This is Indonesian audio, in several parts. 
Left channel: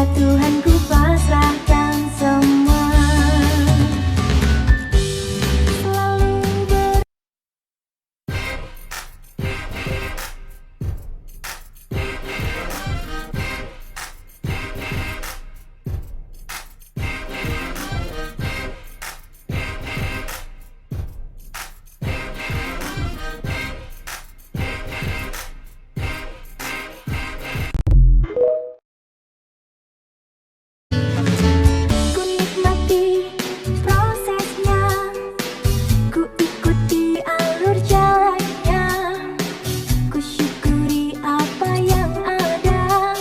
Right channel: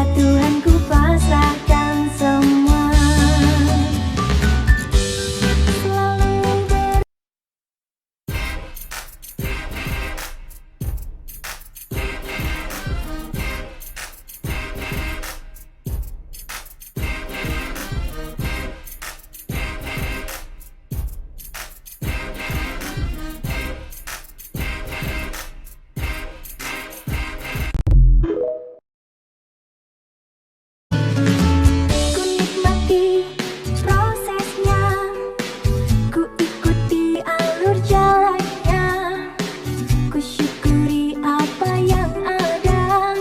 Rahasia Tuhan ku pasrahkan semua. Selalu ku nikmati prosesnya, ku ikuti alur jalannya, ku syukuri apa yang ada.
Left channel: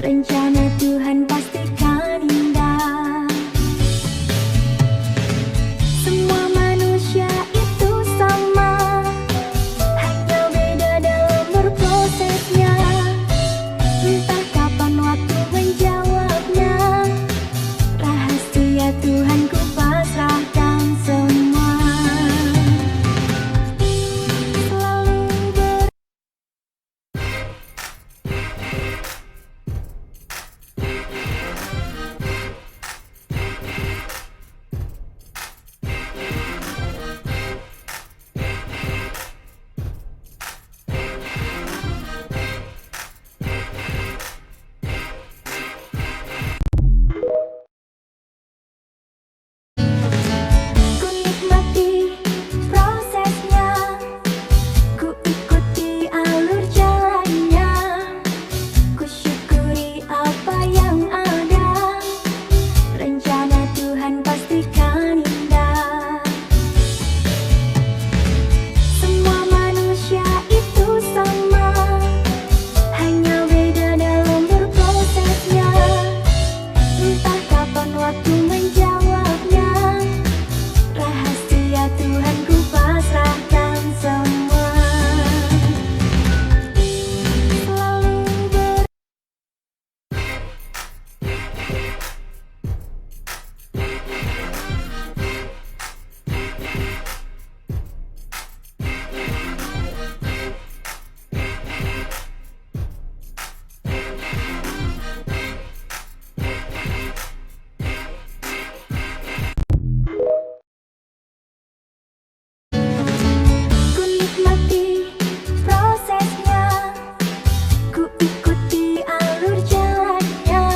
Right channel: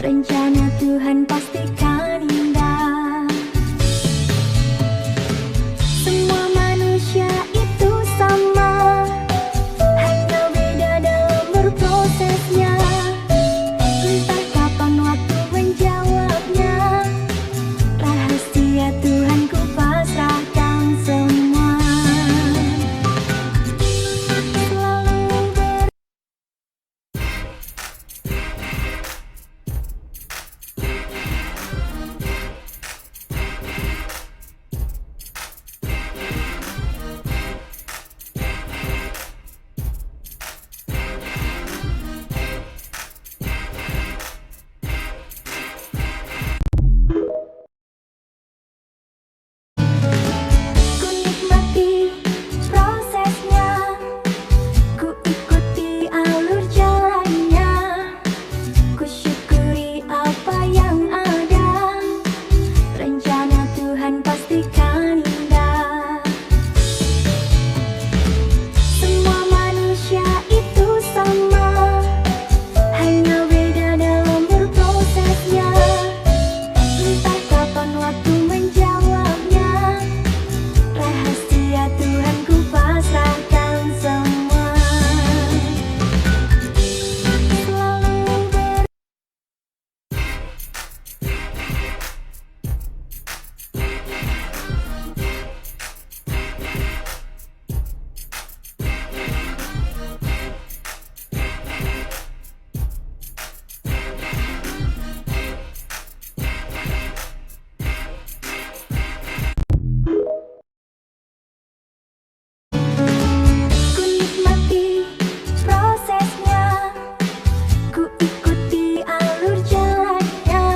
Rencana Tuhan pastikan indah. Semua manusia itu sama, hanya beda dalam berprosesnya. Entah kapan waktu menjawabnya. Rahasia Tuhan ku pasrahkan semua. Selalu ku nikmati prosesnya, ku ikuti alur jalannya, ku syukuri apa yang ada. Rencana Tuhan pastikan indah. Semua manusia itu sama, hanya beda dalam berprosesnya. Entah kapan waktu menjawabnya. Rahasia Tuhan ku pasrahkan semua. Selalu ku nikmati prosesnya, ku ikuti alur jalannya,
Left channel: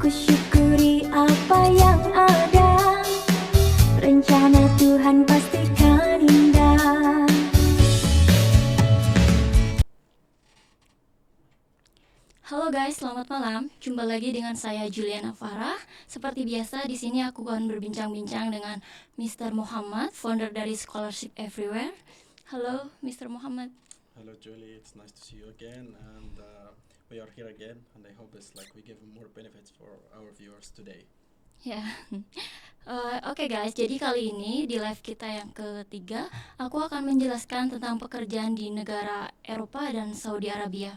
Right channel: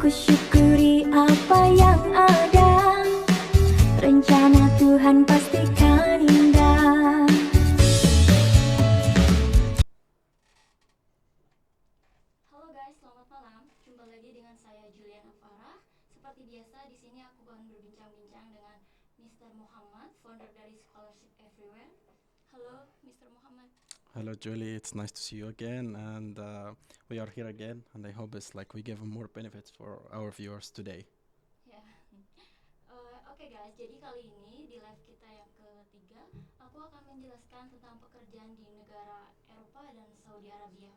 ku syukuri apa yang ada. Rencana Tuhan pastikan indah. Halo guys, selamat malam. Jumpa lagi dengan saya Juliana Farah. Seperti biasa, di sini aku akan berbincang-bincang dengan Mr. Muhammad, founder dari Scholarship Everywhere. Halo, Mr. Muhammad. Hello, Julie. It's nice to see you again, and we are here again. And I hope it's like we give more benefits for our viewers today. Ya, Oke guys, jadi kali ini di live kita yang ketiga, aku akan menjelaskan tentang pekerjaan di negara Eropa dan Saudi Arabia.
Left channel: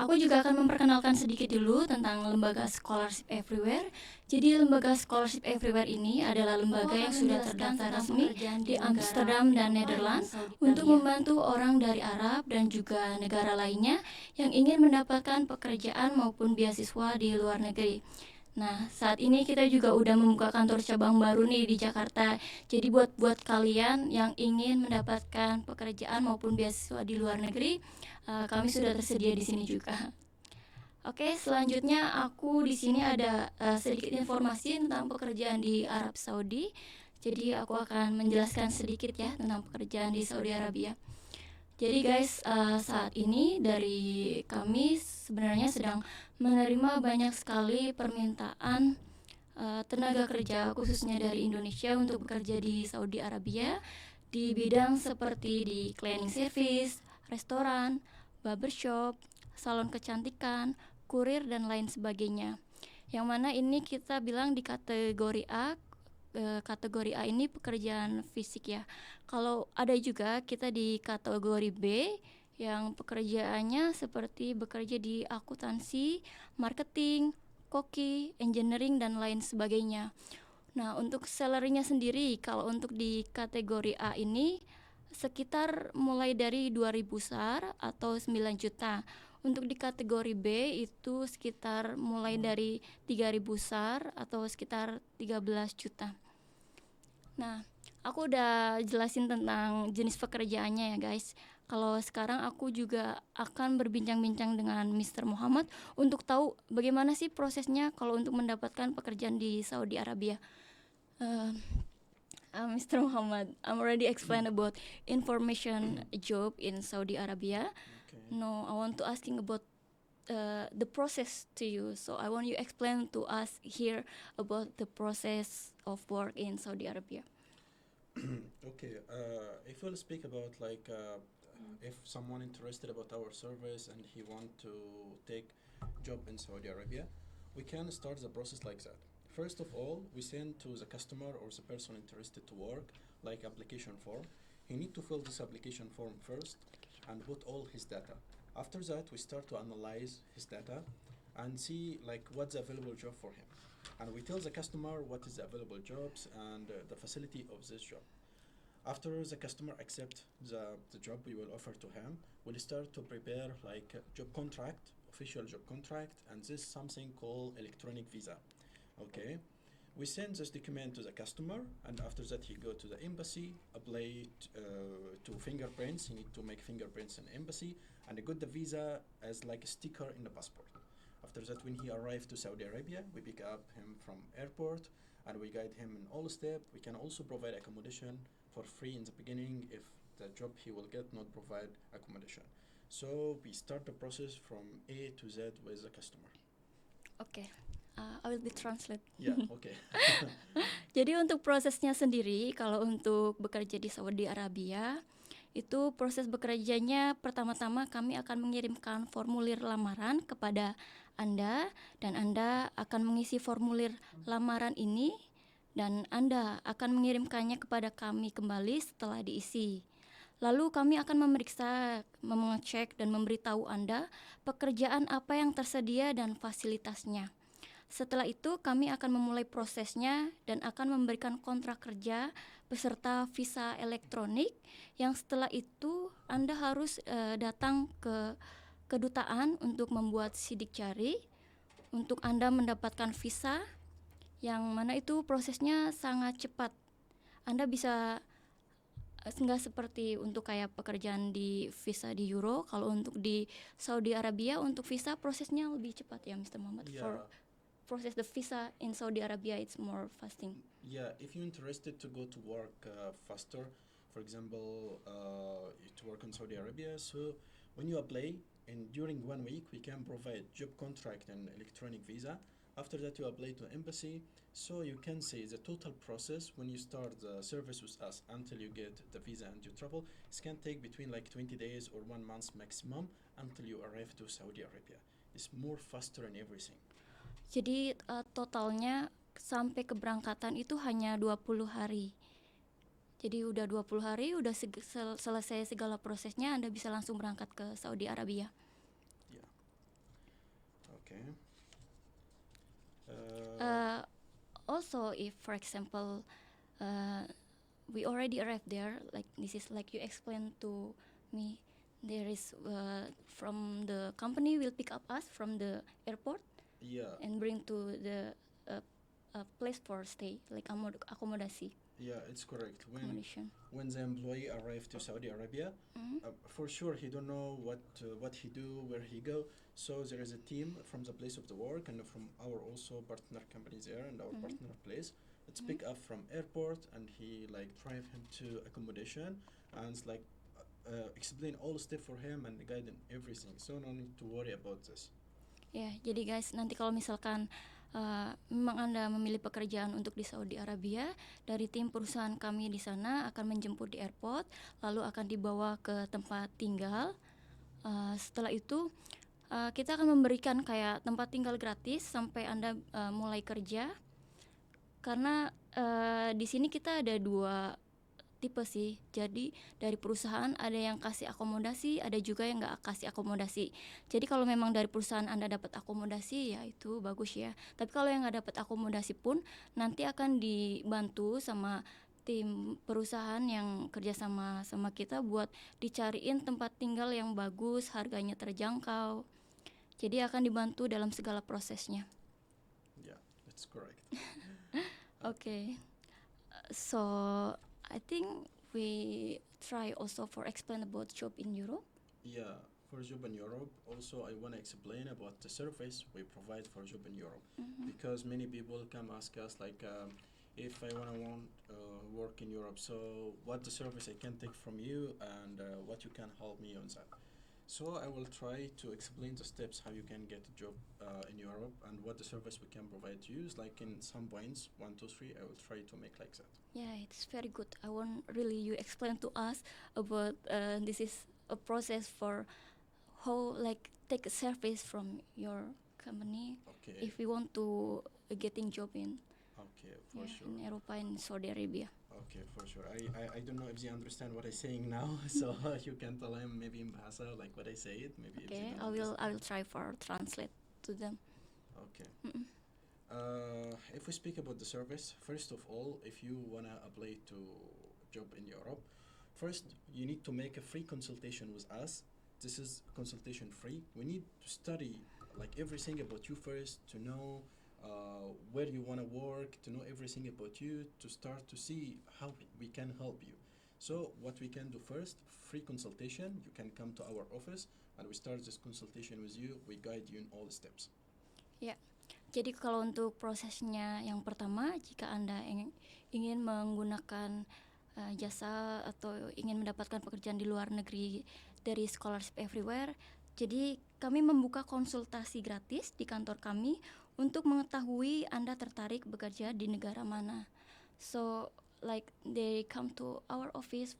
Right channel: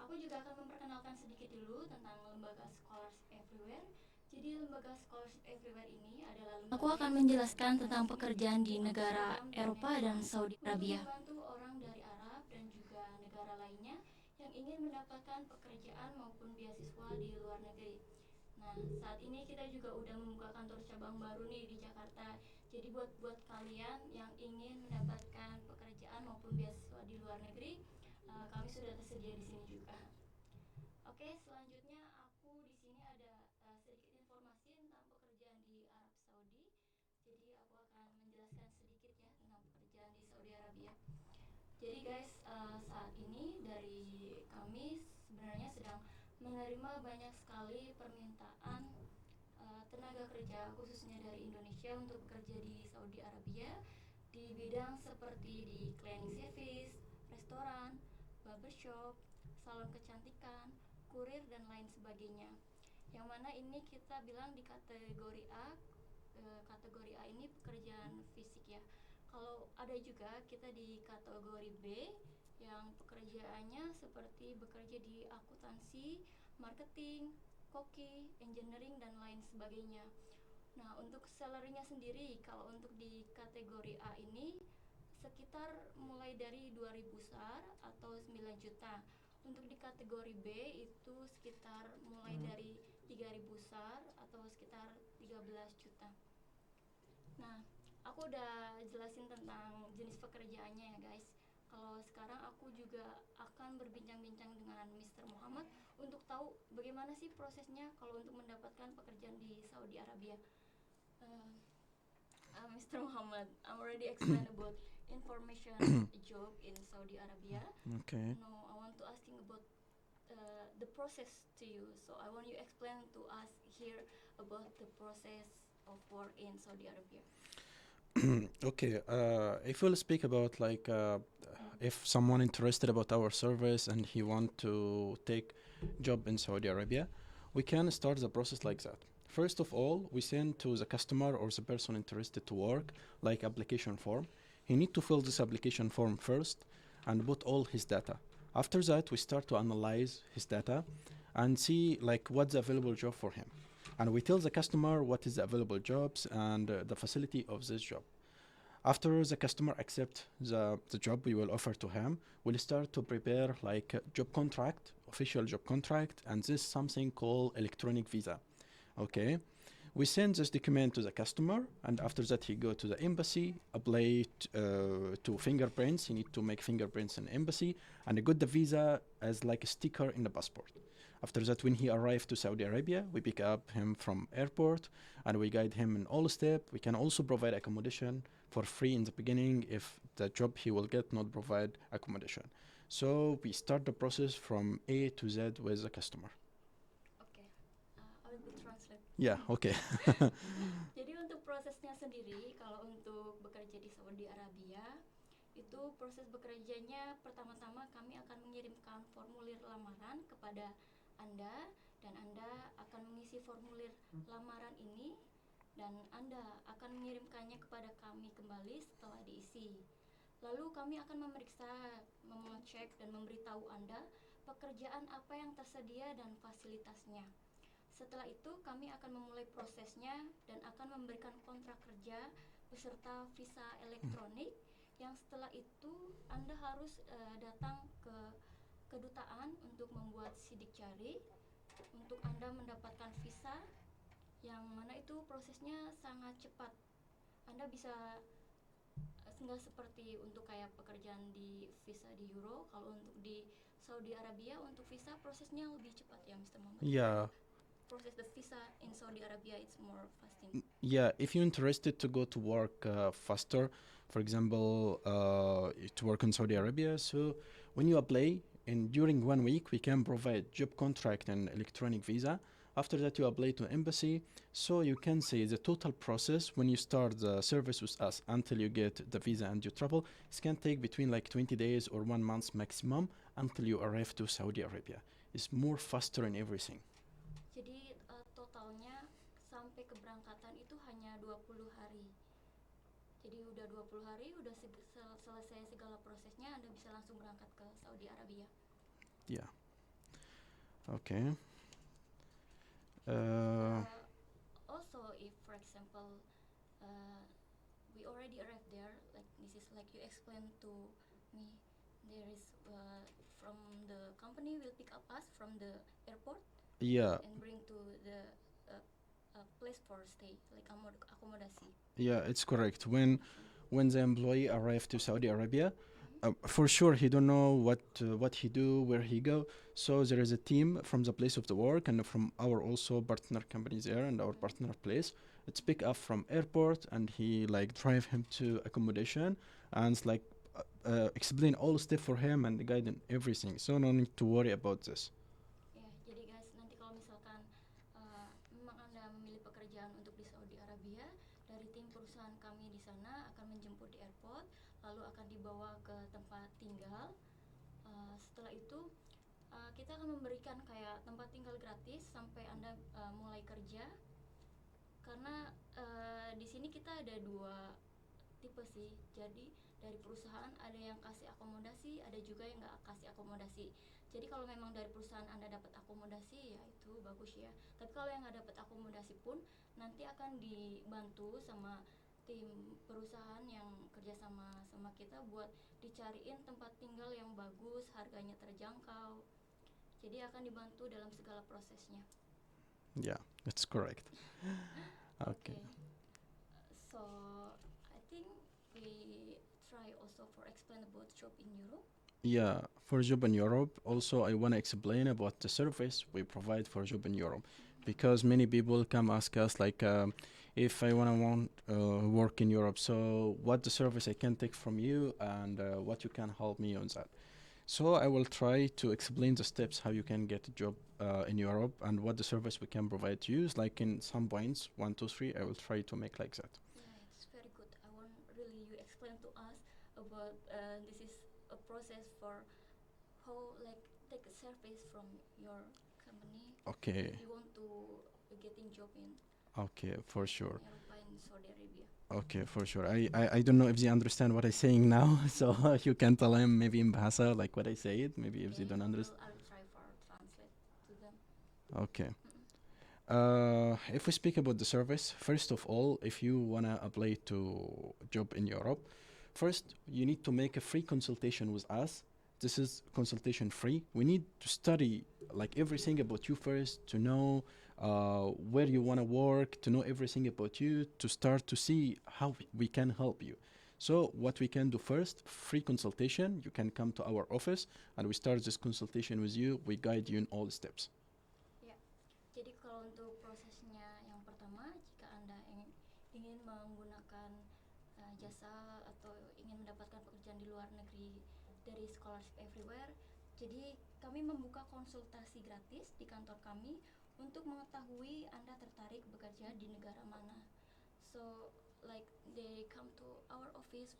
Aku juga akan memperkenalkan sedikit dulu tentang lembaga Scholarship Everywhere. Jadi lembaga Scholarship Everywhere ini adalah lembaga yang menjelaskan tentang pekerjaan di Amsterdam dan Netherlands untuk membantu orang dari Arab dan juga negara lainnya yang ingin mendapatkan pekerjaan maupun beasiswa di luar negeri. Nah, saat ini kita juga udah membuka kantor cabang baru nih di Jakarta. Jadi buat kalian yang ingin mendapatkan pekerjaan maupun beasiswa di luar negeri, kami sudah tersedia di sini juga. Oke, selanjutnya aku di sini ada sedikit informasi tentang pekerjaan di Arab Saudi. Jadi aku akan menjelaskan sedikit ya tentang pekerjaan di Saudi Arabia. Jadi guys, saat ini dari kami sebenarnya sedang menerima banyak sekali permintaan tenaga kerja khususnya dari Indonesia untuk bekerja di Saudi Arabia di bidang seperti di cleaning service, restoran, barbershop, salon kecantikan, kurir dan lain sebagainya. Yang mana ini kita bilang di kategori A. Kategori A ini pekerjaan fisik ya. Kalau ada juga kita di kategori B yang pekerjaannya seperti bekerja di akuntansi, marketing, koki, engineering dan lain sebagainya. Nah, untuk salary-nya sendiri kalau untuk di kategori A ini sekitar mulai dari 2.000 SAR atau 9 juta. Untuk di kategori B itu sekitar mulai dari 3.000 SAR atau sekitar 13 juta. Nah, aku udah jelasin tentang jenis pekerjaannya ya guys. Kalau sekarang aku juga akan berbincang-bincang dengan Mr. Muhammad untuk tahu bagaimana sih prosesnya kalau untuk mendapatkan pekerjaan di Saudi Arabia. Mr. Muhammad, I'm already explained about information job in Saudi Arabia. Okay. No, I want to asking about the process to you. So I want you explain to us here about the process of work in Saudi Arabia. Okay. If we'll speak about like if someone interested about our service and he want to take job in Saudi Arabia, we can start the process like that. First of all, we send to the customer or the person interested to work like application form. He need to fill this application form first and put all his data. After that, we start to analyze his data and see like what's the available job for him. And we tell the customer what is the available jobs and the facility of this job. After the customer accept the job we will offer to him, we'll start to prepare like a job contract, official job contract, and this something called electronic visa. Okay, we send this document to the customer, and after that he go to the embassy, apply to fingerprints. He need to make fingerprints in embassy, and he got the visa as like a sticker in the passport. After that, when he arrived to Saudi Arabia, we pick up him from airport, and we guide him in all step. We can also provide accommodation for free in the beginning if the job he will get not provide accommodation. So we start the process from A to Z with the customer. Oke, I will be translate. Yeah, okay. Jadi untuk prosesnya sendiri, kalau untuk bekerja di Saudi Arabia, itu proses bekerjanya pertama-tama kami akan mengirimkan formulir lamaran kepada Anda, dan Anda akan mengisi formulir lamaran ini, dan Anda akan mengirimkannya kepada kami kembali setelah diisi. Lalu kami akan memeriksa, mengecek, dan memberitahu Anda pekerjaan apa yang tersedia dan fasilitasnya. Setelah itu kami akan memulai prosesnya dan akan memberikan kontrak kerja beserta visa elektronik, yang setelah itu Anda harus datang ke kedutaan untuk membuat sidik jari untuk Anda mendapatkan visa, yang mana itu prosesnya sangat cepat. Anda bisa nggak seperti untuk kayak pekerjaan di visa di Euro. Kalau untuk di Saudi Arabia untuk visa prosesnya lebih cepat ya Mr. Muhammad. Yeah. Process the visa in Saudi Arabia it's more fasting. Yeah, if you're interested to go to work faster, for example, to work in Saudi Arabia, so when you apply, and during 1 week we can provide job contract and electronic visa. After that you apply to embassy, so you can say the total process when you start the service with us until you get the visa and you travel, it can take between like 20 days or 1 month maximum until you arrive to Saudi Arabia. It's more faster in everything. Jadi totalnya sampai keberangkatan itu hanya 20 hari. Jadi udah 20 hari, udah selesai segala prosesnya, Anda bisa langsung berangkat ke Saudi Arabia. Yeah. Okay. Also, if for example we already arrived there, like this is like you explained to me, there is from the company will pick up us from the airport. Yeah. And bring to the place for stay, like accommodation. Yeah, it's correct. When the employee arrived to Saudi Arabia, for sure he don't know what he do, where he go. So there is a team from the place of the work and from our also partner companies there and our partner place. It's pick up from airport and he like drive him to accommodation and like explain all step for him and guide him everything. So no need to worry about this. Ya, jadi guys, nanti kalau misalkan memang Anda memilih pekerjaan untuk di Saudi Arabia, dari tim perusahaan kami di sana akan menjemput di airport, lalu akan dibawa ke tempat tinggal. Setelah itu kita akan memberikan kayak tempat tinggal gratis sampai Anda mulai kerja. Karena di sini kita ada 2 tipe sih. Jadi dari perusahaan ada yang kasih akomodasi, ada juga yang nggak kasih akomodasi. Jadi kalau memang dari perusahaan Anda dapat akomodasi, ya itu bagus ya. Tapi kalau yang nggak dapat akomodasi pun nanti akan dibantu sama tim perusahaan yang kerja sama kita buat dicariin tempat tinggal yang bagus, harganya terjangkau. Jadi akan dibantu dalam segala prosesnya. Yeah, that's correct. Okay. So I think we try also for explain about job in Europe. Yeah, for job in Europe, also I want to explain about the service we provide for job in Europe, because many people come ask us like, if I want work in Europe, so what the service I can take from you, and what you can help me on that. So I will try to explain the steps how you can get a job in Europe, and what the service we can provide to you. Is like in some points, 1, 2, 3. I will try to make like that. Yeah, it's very good. I want really you explain to us about this is a process for how like take a service from your company Okay. if we want to getting job in Okay, for sure. in Europa and Saudi Arabia. Okay, for sure. I don't know if they understand what I'm saying now, so you can tell them maybe in Bahasa like what I say it. Maybe if they Okay, don't understand. I will try for translate to them. Okay. Mm-mm. If we speak about the service, first of all, if you wanna apply to job in Europe, first you need to make a free consultation with us. This is consultation free. We need to study like everything about you first, to know where you wanna work, to know everything about you, to start to see how we can help you. So what we can do first, free consultation. You can come to our office and we start this consultation with you. We guide you in all the steps. Jadi kalau untuk prosesnya yang pertama, jika Anda ingin menggunakan jasa atau ingin mendapatkan pekerjaan di luar negeri dari Scholarship Everywhere, jadi kami membuka konsultasi gratis di kantor kami untuk mengetahui Anda tertarik bekerja di negara mana. So like they come to our office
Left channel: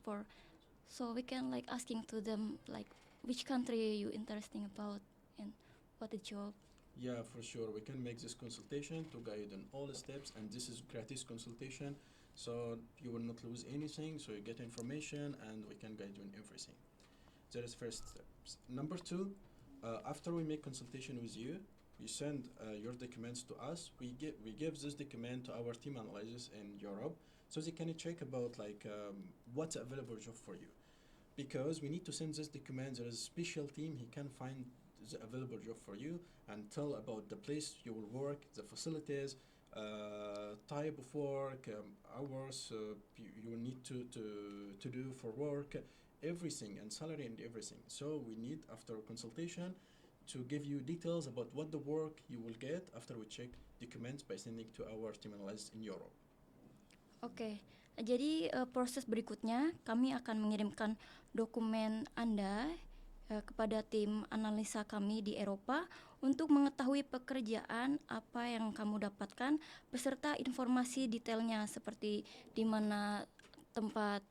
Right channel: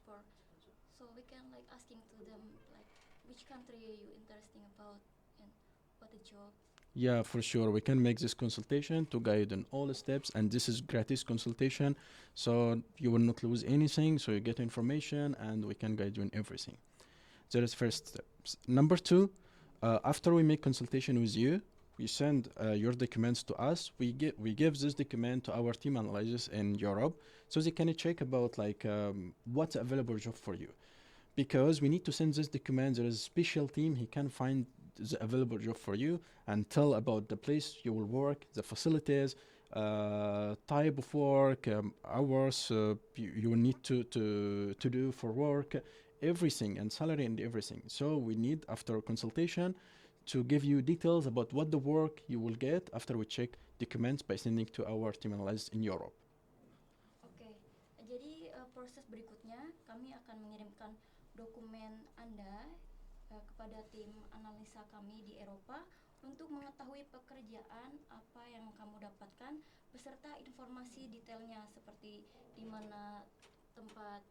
so we can like asking to them like which country you interesting about and what the job. Yeah, for sure. We can make this consultation to guide on all the steps, and this is gratis consultation, so you will not lose anything. So you get information, and we can guide you in everything. That is first steps. Number 2, after we make consultation with you, we send your documents to us. We give this document to our team analysts in Europe, so they can check about like what's available job for you, because we need to send this document. There is a special team. He can find the available job for you and tell about the place you will work, the facilities, type of work, hours you will need to do for work, everything, and salary and everything. So we need, after consultation, to give you details about what the work you will get after we check documents by sending to our team analysts in Europe. Oke, jadi proses berikutnya kami akan mengirimkan dokumen Anda kepada tim analisa kami di Eropa untuk mengetahui pekerjaan apa yang kamu dapatkan beserta informasi detailnya seperti di mana tempat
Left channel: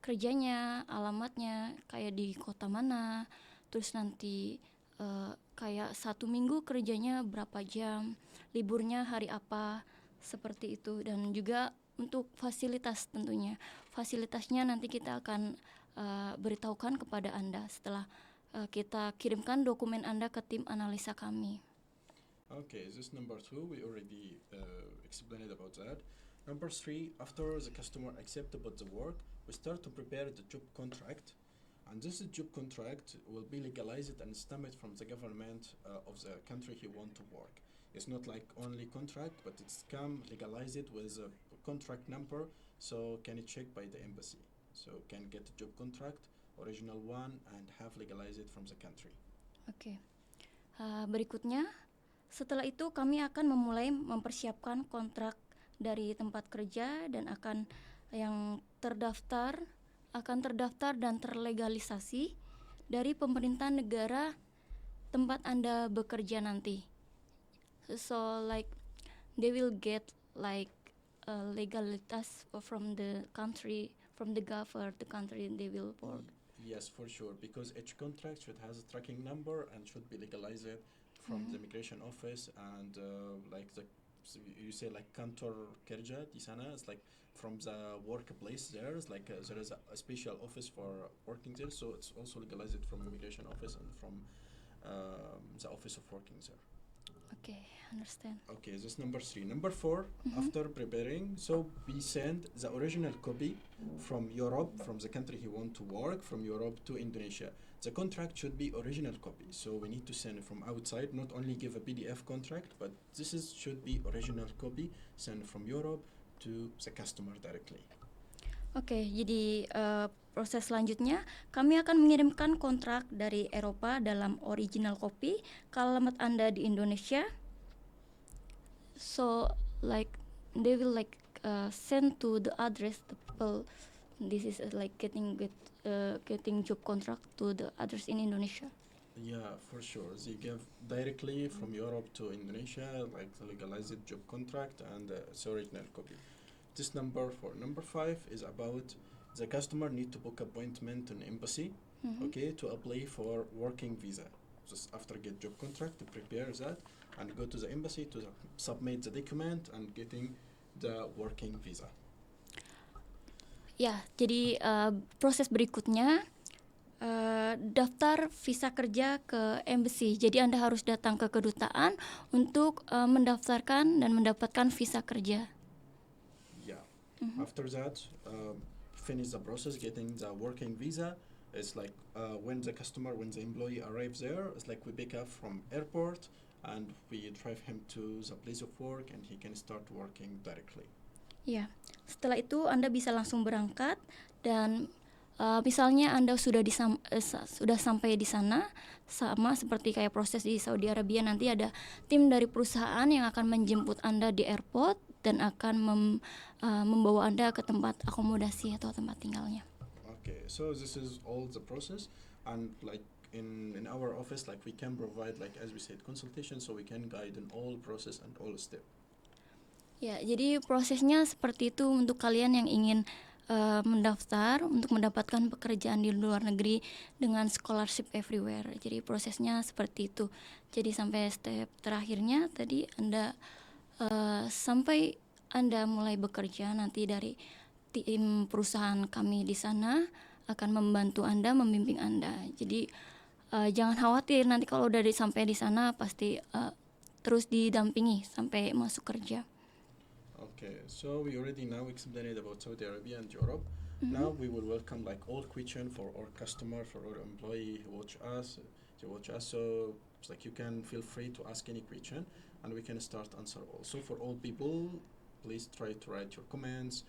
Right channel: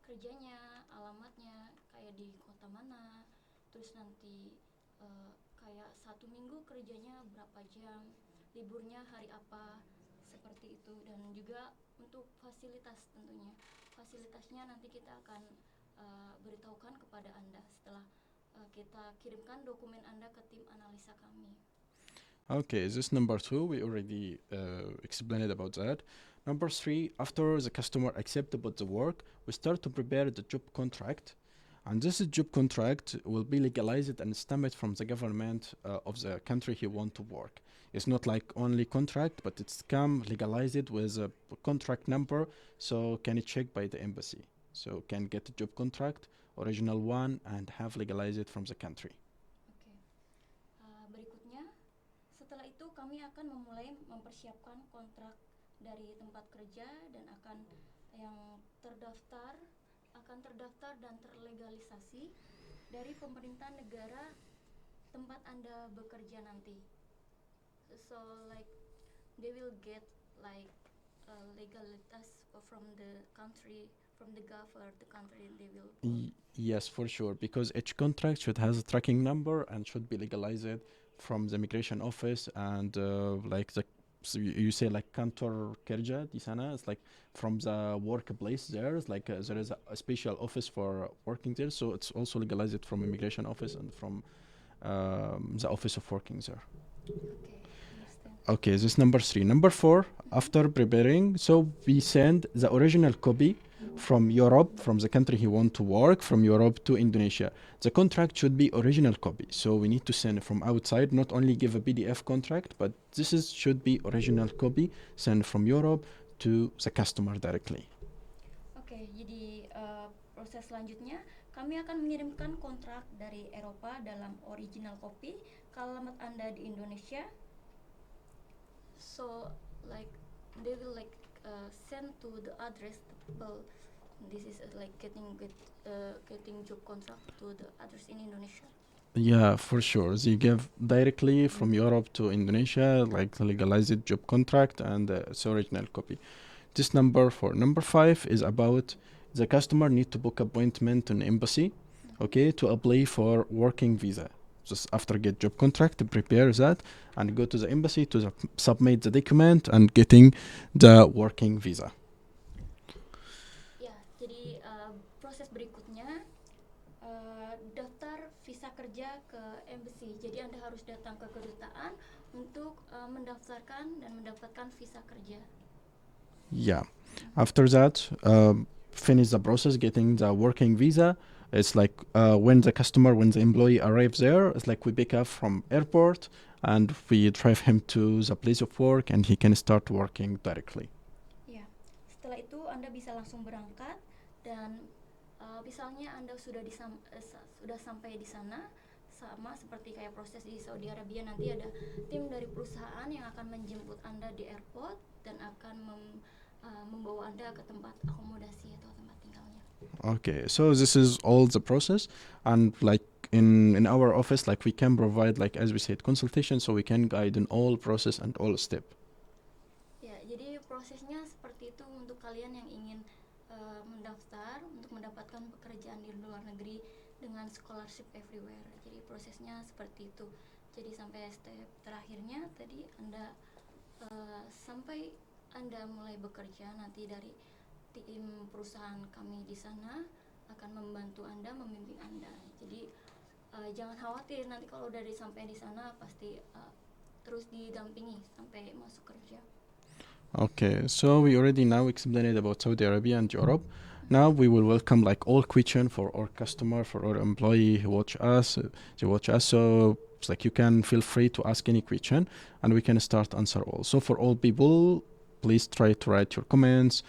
kerjanya, alamatnya, kayak di kota mana, terus nanti kayak 1 minggu kerjanya berapa jam, liburnya hari apa, seperti itu. Dan juga untuk fasilitas tentunya. Fasilitasnya nanti kita akan beritahukan kepada Anda setelah kita kirimkan dokumen Anda ke tim analisa kami. Okay, this number 2, we already explained about that. Number 3, after the customer accept about the work, we start to prepare the job contract. And this job contract will be legalized and stamped from the government of the country he want to work. It's not like only contract, but it's come legalized with a contract number, so can it check by the embassy. So can get a job contract, original one, and have legalized from the country. Oke. Berikutnya, setelah itu kami akan memulai mempersiapkan kontrak dari tempat kerja dan akan terdaftar dan terlegalisasi dari pemerintah negara tempat Anda bekerja nanti. So like they will get like legalitas from the country, from the government, the country, and they will. Yes, for sure, because each contract should has a tracking number and should be legalized from the immigration office, and like so you say like kantor kerja di sana, it's like from the workplace there is like there is a special office for working there, so it's also legalized from immigration office and from the office of working there. Okay, understand. Okay, this number 3. Number 4, after preparing, so we send the original copy from Europe, from the country he want to work, from Europe to Indonesia. The contract should be original copy, so we need to send it from outside, not only give a PDF contract, but should be original copy, send from Europe to the customer directly. Oke, jadi proses selanjutnya kami akan mengirimkan kontrak dari Eropa dalam original copy ke alamat Anda di Indonesia. So like they will like send to the address the people. This is like getting job contract to the address in Indonesia. Yeah, for sure. They give directly from Europe to Indonesia, like the legalized job contract and its original copy. This number 4. Number 5 is about the customer need to book appointment in embassy, okay, to apply for working visa. Just after get job contract, to prepare that and go to the embassy to submit the document and getting the working visa. Ya, jadi proses berikutnya daftar visa kerja ke embassy. Jadi Anda harus datang ke kedutaan untuk mendaftarkan dan mendapatkan visa kerja. Yeah. After that, finish the process getting the working visa. It's like when the employee arrives there, it's like we pick up from airport and we drive him to the place of work and he can start working directly. Ya, setelah itu Anda bisa langsung berangkat dan misalnya Anda sudah sampai di sana, sama seperti kayak proses di Saudi Arabia, nanti ada tim dari perusahaan yang akan menjemput Anda di airport dan akan membawa Anda ke tempat akomodasi atau tempat tinggalnya. Okay, so this is all the process, and like in our office, like we can provide, like as we said, consultation, so we can guide in all process and all step. Ya, jadi prosesnya seperti itu untuk kalian yang ingin mendaftar untuk mendapatkan pekerjaan di luar negeri dengan scholarship everywhere. Jadi prosesnya seperti itu. Jadi sampai step terakhirnya tadi Anda sampai Anda mulai bekerja, nanti dari tim perusahaan kami di sana akan membantu Anda, membimbing Anda. Jadi jangan khawatir, nanti kalau udah sampai di sana pasti terus didampingi sampai masuk kerja. Okay, so we already now explained about Saudi Arabia and Europe. Now we will welcome like all question for our customer, for our employee who watch us. So it's like you can feel free to ask any question and we can start answer all. So for all people, please try to write your comments,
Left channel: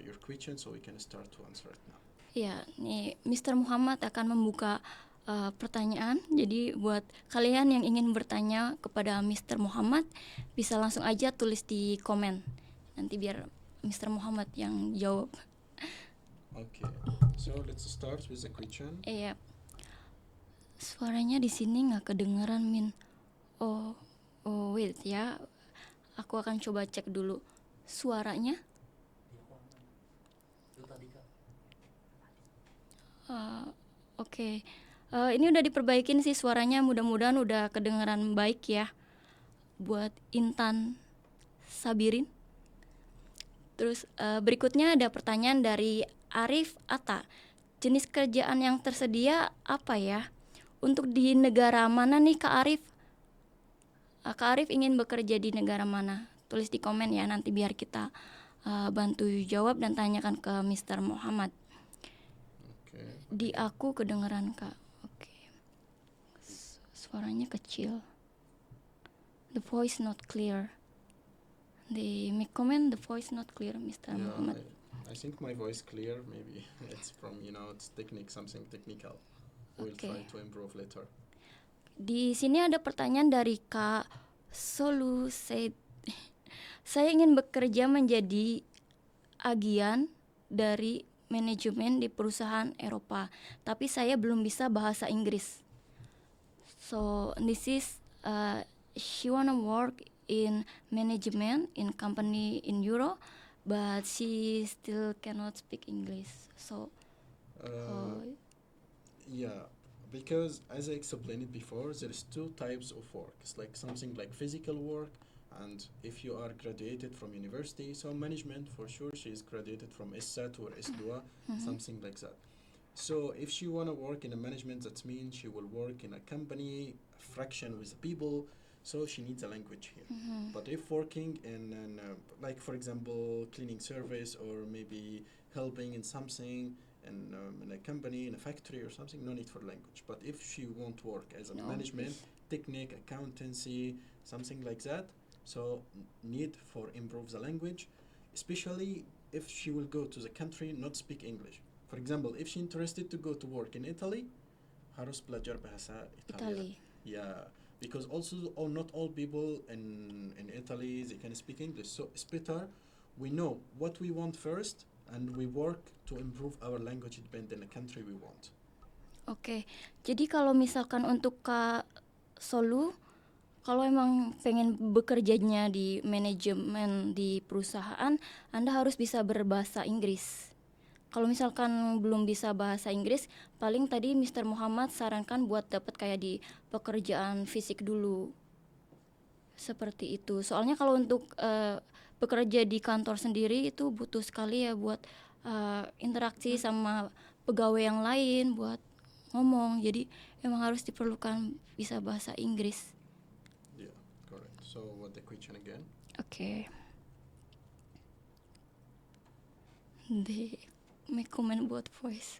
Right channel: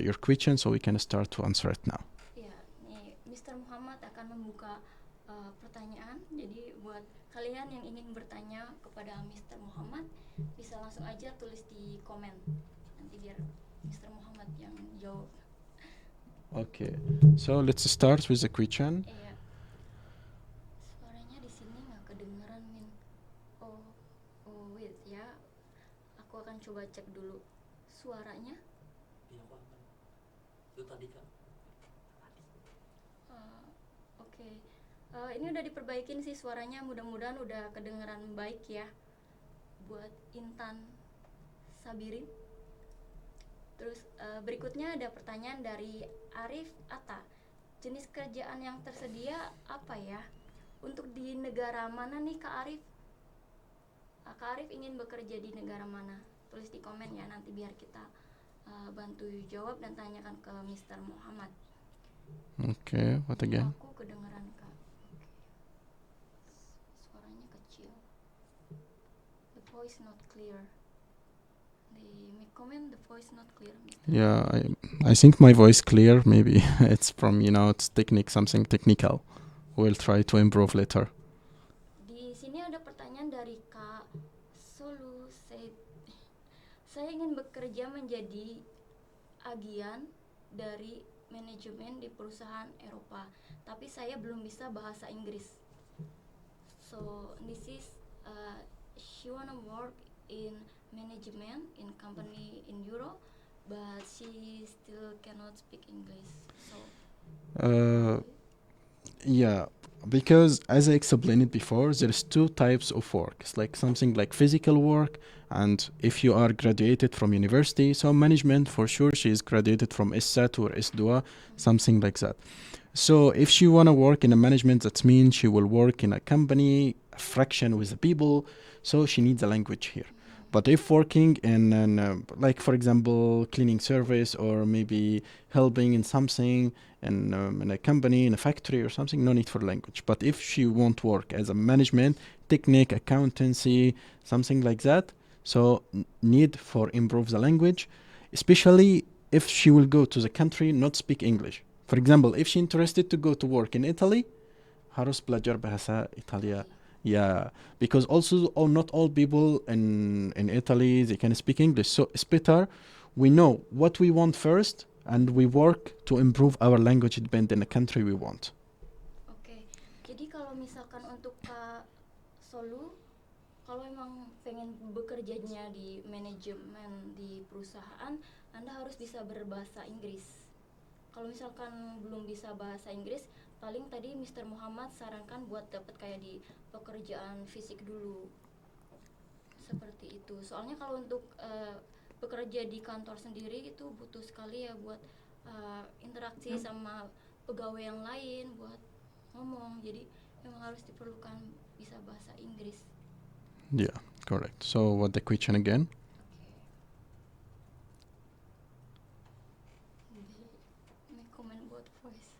your questions, so we can start to answer it now. Ya, nih Mr. Muhammad akan membuka pertanyaan. Jadi buat kalian yang ingin bertanya kepada Mr. Muhammad, bisa langsung aja tulis di komen. Nanti biar Mr. Muhammad yang jawab. Okay, so let's start with the question. Iya. Suaranya di sini nggak kedengeran, Min. Oh, wait ya. Aku akan coba cek dulu suaranya. Oke. Ini udah diperbaikin sih suaranya, mudah-mudahan udah kedengeran baik ya. Buat Intan Sabirin. Terus berikutnya ada pertanyaan dari Arif Atta. Jenis kerjaan yang tersedia apa ya? Untuk di negara mana nih Kak Arif? Kak Arif ingin bekerja di negara mana? Tulis di komen ya, nanti biar kita bantu jawab dan tanyakan ke Mr. Muhammad. Okay, what Di again? aku kedengeran Kak. Oke. Suaranya kecil. The voice not clear. They make comment the voice not clear, Mr. Yeah, I think my voice clear. Maybe it's from it's something technical. We'll try to improve later. Di sini ada pertanyaan dari Kak Solu said, saya ingin bekerja menjadi agian dari manajemen di perusahaan Eropa, tapi saya belum bisa bahasa Inggris. So this is she wanna work in management in company in Euro, but she still cannot speak English. So Yeah, because as I explained before, there's two types of work. It's like something like physical work, and if you are graduated from university, so management for sure she is graduated from ISSAT or ISDUA, something like that. So if she wanna work in a management, that means she will work in a company, a fraction with the people. so she needs a language here. But if working in like for example cleaning service or maybe helping in something in a company, in a factory or something, no need for language. But if she won't work as a management, technique, accountancy, something like that, so need for improve the language, especially if she will go to the country not speak English. For example, if she interested to go to work in Italy, harus belajar bahasa Italia. Italy. Yeah, because also not all people in Italy they can speak English. So it's better we know what we want first and we work to improve our language depending on the country we want. Oke, jadi kalau misalkan untuk Kak Solu, kalau emang pengen bekerjanya di manajemen di perusahaan, Anda harus bisa berbahasa Inggris. Kalau misalkan belum bisa bahasa Inggris, paling tadi Mr. Muhammad sarankan buat dapat kayak di pekerjaan fisik dulu. Seperti itu. Soalnya kalau untuk bekerja di kantor sendiri itu butuh sekali ya buat interaksi sama pegawai yang lain, buat ngomong. Jadi emang harus diperlukan bisa bahasa Inggris. Yeah, correct. So what the question again? Oke. They make comment about voice.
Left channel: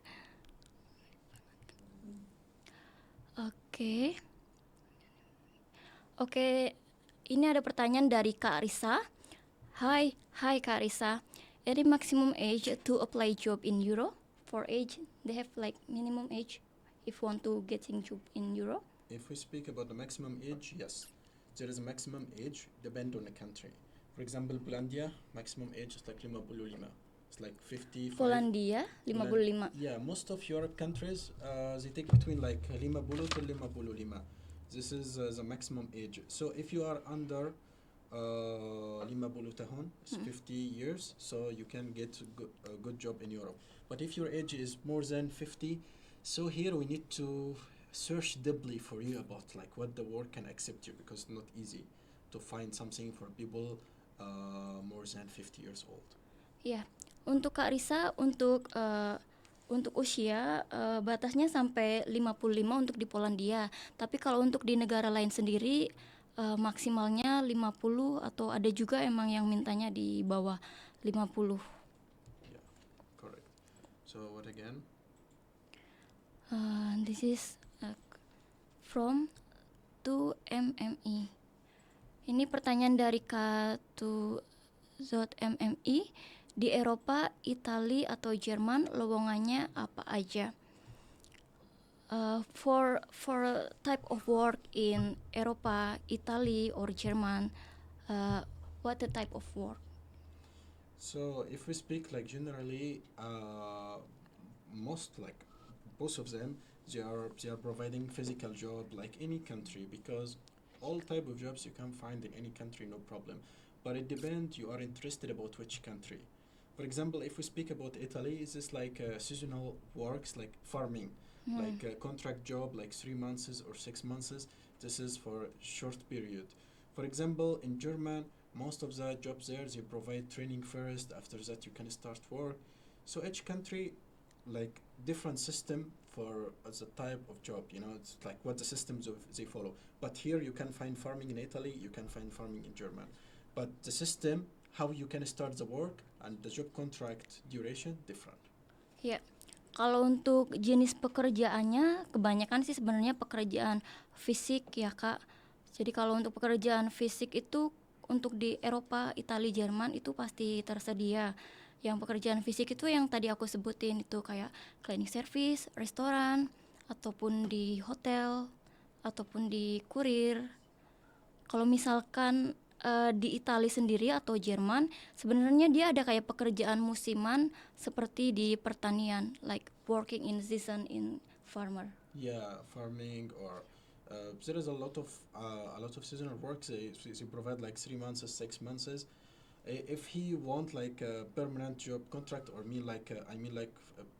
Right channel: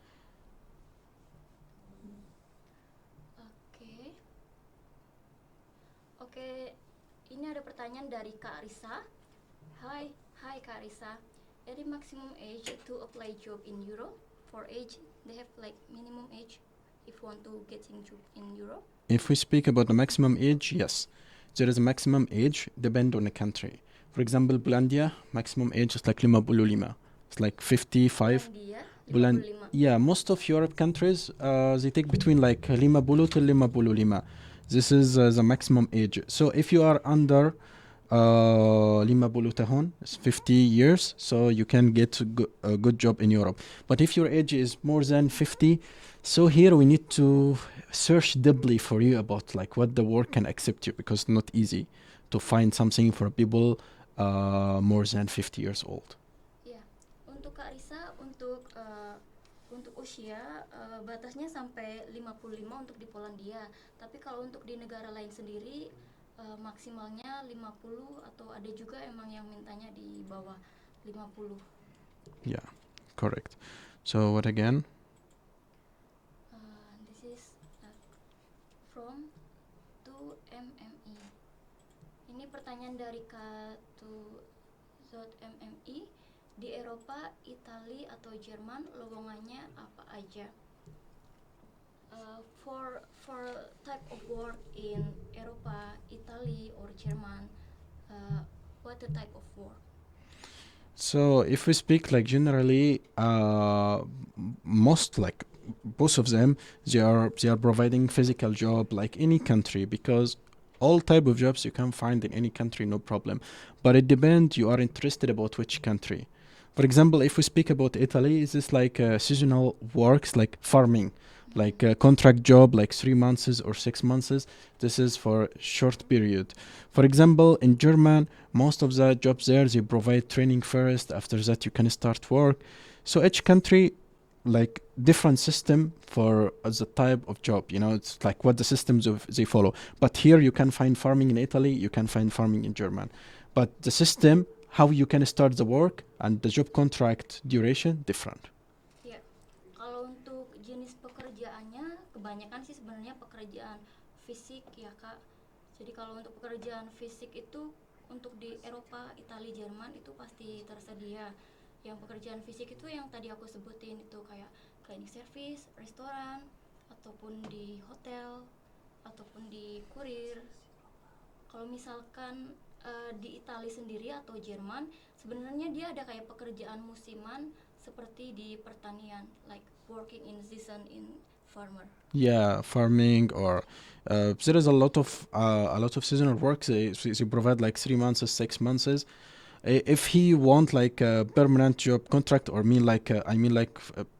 Oke. Oke, ini ada pertanyaan dari Kak Risa. Hi Kak Risa. Any maximum age to apply job in Euro? For age, they have like minimum age if want to getting job in Euro? If we speak about the maximum age, yes. There is a maximum age depend on the country. For example, Polandia, maximum age is like 55. It's like 55. Polandia, Bulan- 55. Yeah, most of Europe countries, they take between like 50 to 55. This is the maximum age. So if you are under 50 tahun, it's 50 years, so you can get a good job in Europe. But if your age is more than 50, so here we need to search deeply for you about like what the work can accept you, because it's not easy to find something for people more than 50 years old. Ya, untuk Kak Risa, untuk usia batasnya sampai 55 untuk di Polandia. Tapi kalau untuk di negara lain sendiri maksimalnya 50 atau ada juga emang yang mintanya di bawah 50. Yeah, correct. So what again? This is from 2MME. Ini pertanyaan dari K2ZMMI. Di Eropa, Italia atau Jerman lowongannya apa aja? For type of work in Eropa, Italy or German, what the type of work? So if we speak like generally, most like both of them, they are providing physical job like any country, because all type of jobs you can find in any country, no problem. But it depends you are interested about which country. For example, if we speak about Italy, is this like seasonal works like farming, like a contract job like 3 months or 6 months. This is for short period. For example, in German, most of the jobs there, they provide training first. After that, you can start work. So each country, like different system for the type of job. You know, it's like what the systems they follow. But here you can find farming in Italy, you can find farming in German. But the system, how you can start the work and the job contract duration different. Ya, kalau untuk jenis pekerjaannya kebanyakan sih sebenarnya pekerjaan fisik ya Kak. Jadi kalau untuk pekerjaan fisik itu untuk di Eropa, Italia, Jerman itu pasti tersedia. Yang pekerjaan fisik itu yang tadi aku sebutin itu kayak cleaning service, restoran, ataupun di hotel, ataupun di kurir. Kalau misalkan di Italia sendiri atau Jerman, sebenarnya dia ada kayak pekerjaan musiman seperti di pertanian, like working in season in farmer. Yeah, farming or there is a lot of seasonal work. They provide like 3 months, 6 months. If he want like a permanent job contract, or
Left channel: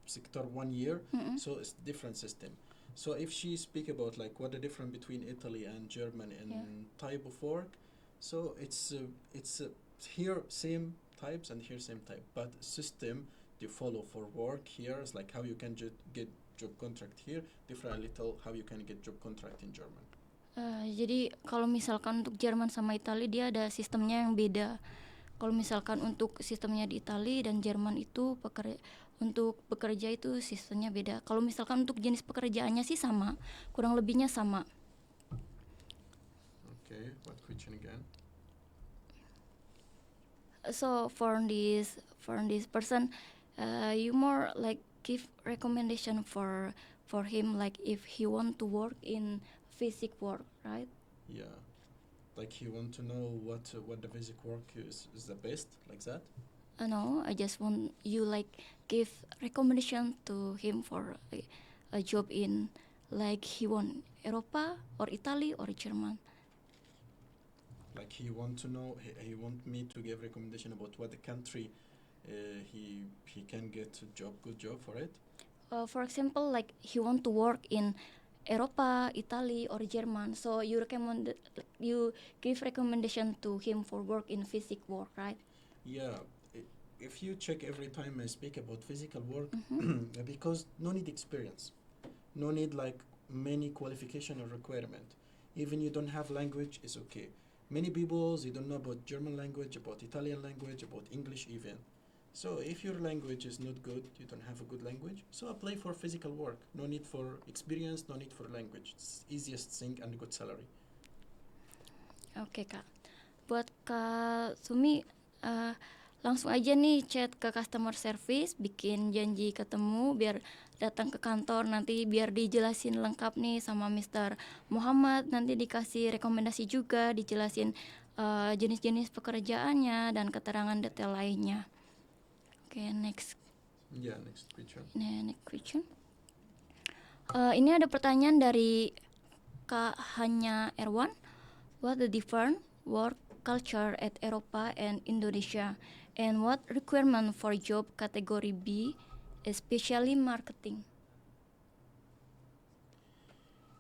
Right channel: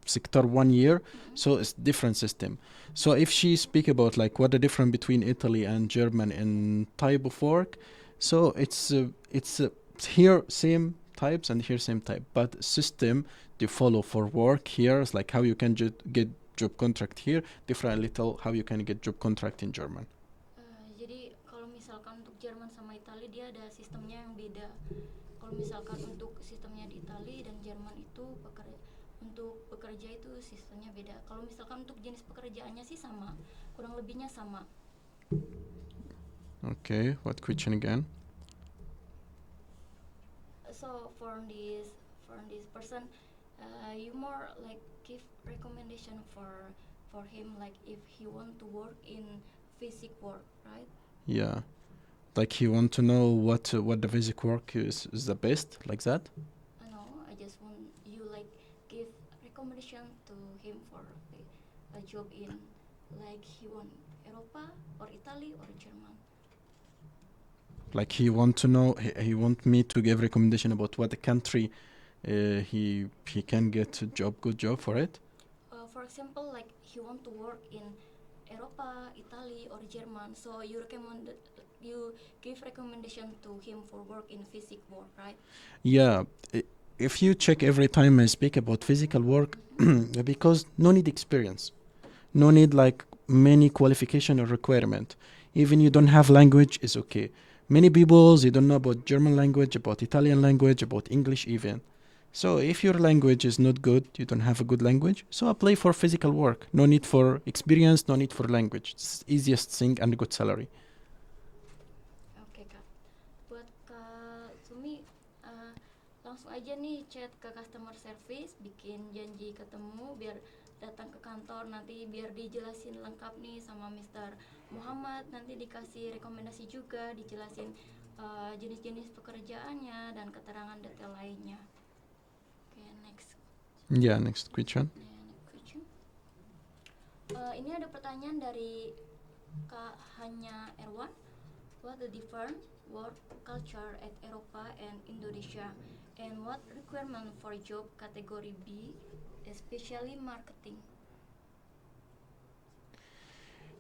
sector 1 year, so it's different system. So if she speak about like what the difference between Italy and German in type of work, so it's here same types and here same type, but system they follow for work here is like how you can get job contract here different little how you can get job contract in German. jadi kalau misalkan untuk Jerman sama Italia dia ada sistemnya yang beda. Kalau misalkan untuk sistemnya di Italia dan Jerman itu untuk bekerja itu sistemnya beda. Kalau misalkan untuk jenis pekerjaannya sih sama, kurang lebihnya sama. Okay, what question again? So for this person, you more like give recommendation for him, like if he want to work in physic work, right? Yeah, like he want to know what the basic work is the best, like that. No, I just want you like give recommendation to him for a job in like he want Europa or Italy or German. Like he want to know, he want me to give recommendation about what the country he can get a job, good job for it. For example, like he want to work in Europa, Italy, or German. So you give recommendation to him for work in physic work, right? Yeah, if you check every time I speak about physical work, because no need experience, no need like many qualification or requirement. Even you don't have language is okay. Many people they don't know about German language, about Italian language, about English even. So if your language is not good, you don't have a good language, so apply for physical work. No need for experience, no need for language. It's easiest thing and good salary. Oke Kak, buat Kak Sumi langsung aja nih chat ke customer service, bikin janji ketemu biar datang ke kantor, nanti biar dijelasin lengkap nih sama Mr. Muhammad, nanti dikasih rekomendasi juga, dijelasin jenis-jenis pekerjaannya dan keterangan detail lainnya. Oke, next Yeah, next question. question. Ini ada pertanyaan dari Kak Hanya Erwan. What the different work culture at Eropa and Indonesia, and what requirement for job category B, especially marketing?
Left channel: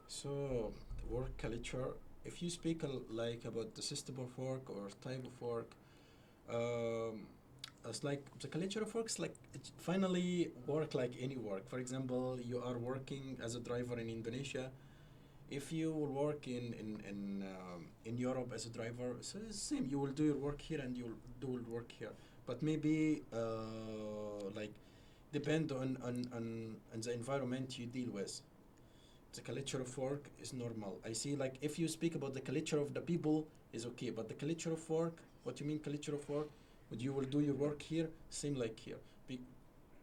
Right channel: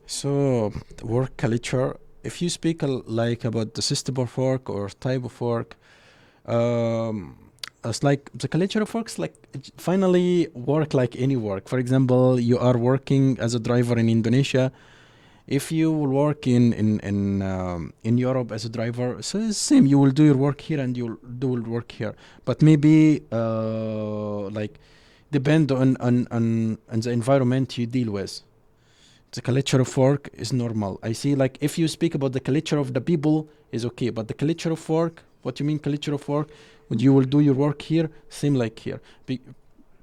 So work culture. If you speak like about the system of work or type of work, it's like the culture of work is like finally work like any work. For example, you are working as a driver in Indonesia. If you will work in Europe as a driver, so it's same. You will do your work here and you'll do work here. But maybe like depend on the environment you deal with. The culture of work is normal. I see like if you speak about the culture of the people is okay, but the culture of work, what you mean culture of work? When you will do your work here, same like here.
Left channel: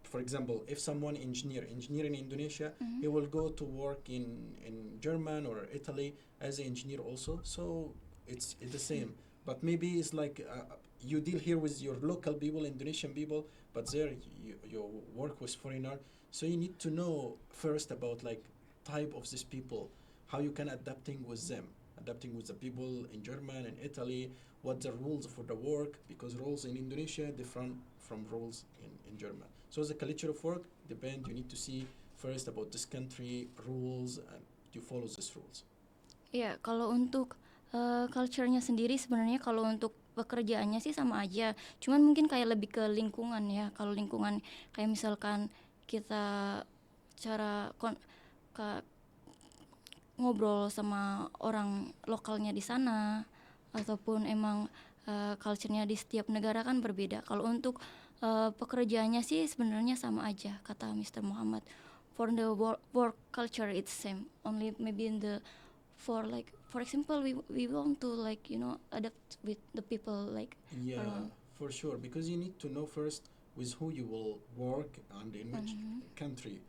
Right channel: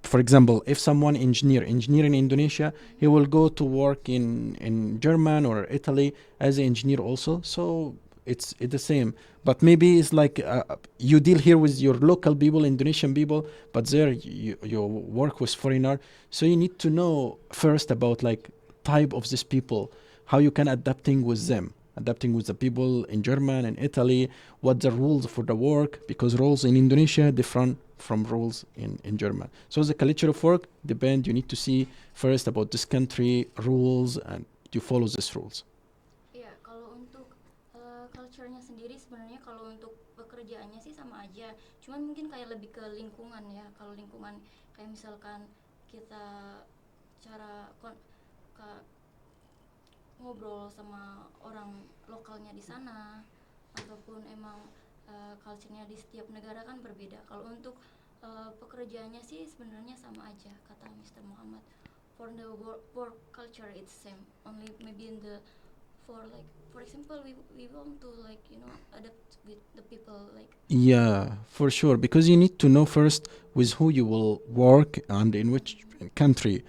For example, if someone engineer in Indonesia, he will go to work in German or Italy as an engineer also. So it's the same. But maybe it's like you deal here with your local people, Indonesian people, but there you work with foreigner. So you need to know first about like type of these people, how you can adapting with them, adapting with the people in German and Italy, what the rules for the work, because rules in Indonesia different from rules in German. So the culture of work depend, you need to see first about this country rules and you follow these rules. Ya, kalau untuk culture-nya sendiri sebenarnya kalau untuk pekerjaannya sih sama aja. Cuman mungkin kayak lebih ke lingkungan ya. Kalau lingkungan kayak misalkan kita cara ngobrol sama orang lokalnya di sana, ataupun emang culture-nya di setiap negara kan berbeda. Kalau untuk pekerjaannya sih sebenarnya sama aja, kata Mr. Muhammad. For the work culture it's same, only maybe in the for example we want to like adapt with the people like. Yeah, for sure, because you need to know first with who you will work and in which country.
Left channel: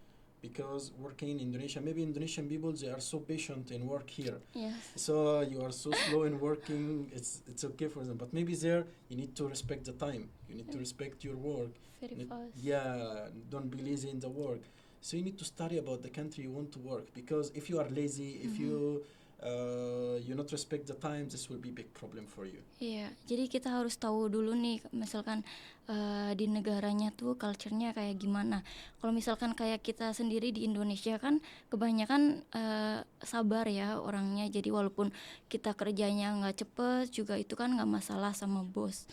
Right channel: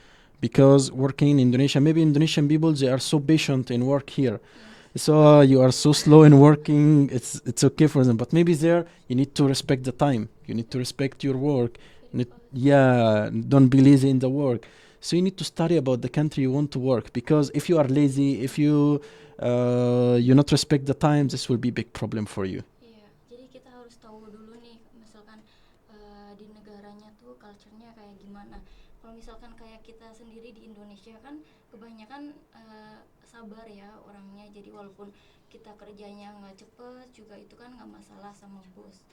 Because working in Indonesia, maybe Indonesian people they are so patient in work here. Yes. So you are so slow in working. It's okay for them, but maybe there you need to respect the time. You need to respect your work. Very fast. Yeah, don't be lazy in the work. So you need to study about the country you want to work. Because if you are lazy, if you not respect the time, this will be big problem for you. Iya, jadi kita harus tahu dulu nih, misalkan di negaranya tuh culture-nya kayak gimana. Kalau misalkan kayak kita sendiri di Indonesia kan kebanyakan sabar ya orangnya. Jadi walaupun kita kerjanya nggak cepet juga itu kan nggak masalah sama bos.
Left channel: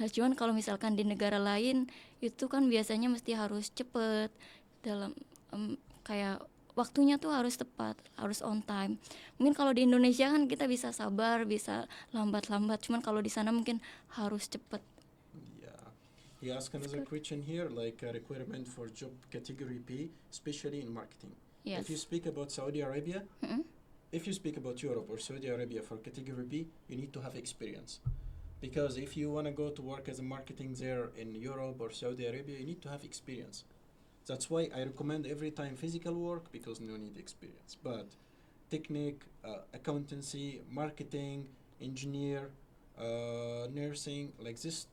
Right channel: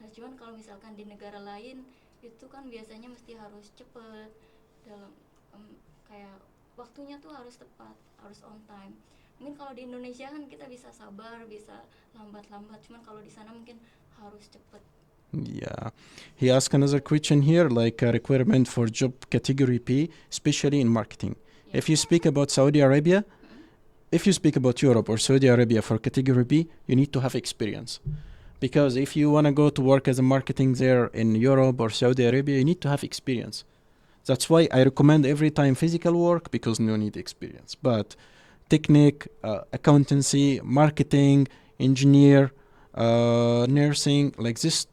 Cuman kalau misalkan di negara lain itu kan biasanya mesti harus cepet dalam kayak waktunya tuh harus tepat, harus on time. Mungkin kalau di Indonesia kan kita bisa sabar, bisa lambat-lambat, cuman kalau di sana mungkin harus cepet. Yeah. He asked another question here, like a requirement for job category P, especially in marketing. Yes. If you speak about Saudi Arabia, Mm-mm. if you speak about Europe or Saudi Arabia for category B, you need to have experience. Because if you want to go to work as a marketing there in Europe or Saudi Arabia, you need to have experience. That's why I recommend every time physical work because no need experience. But technique, accountancy, marketing, engineer, nursing, like this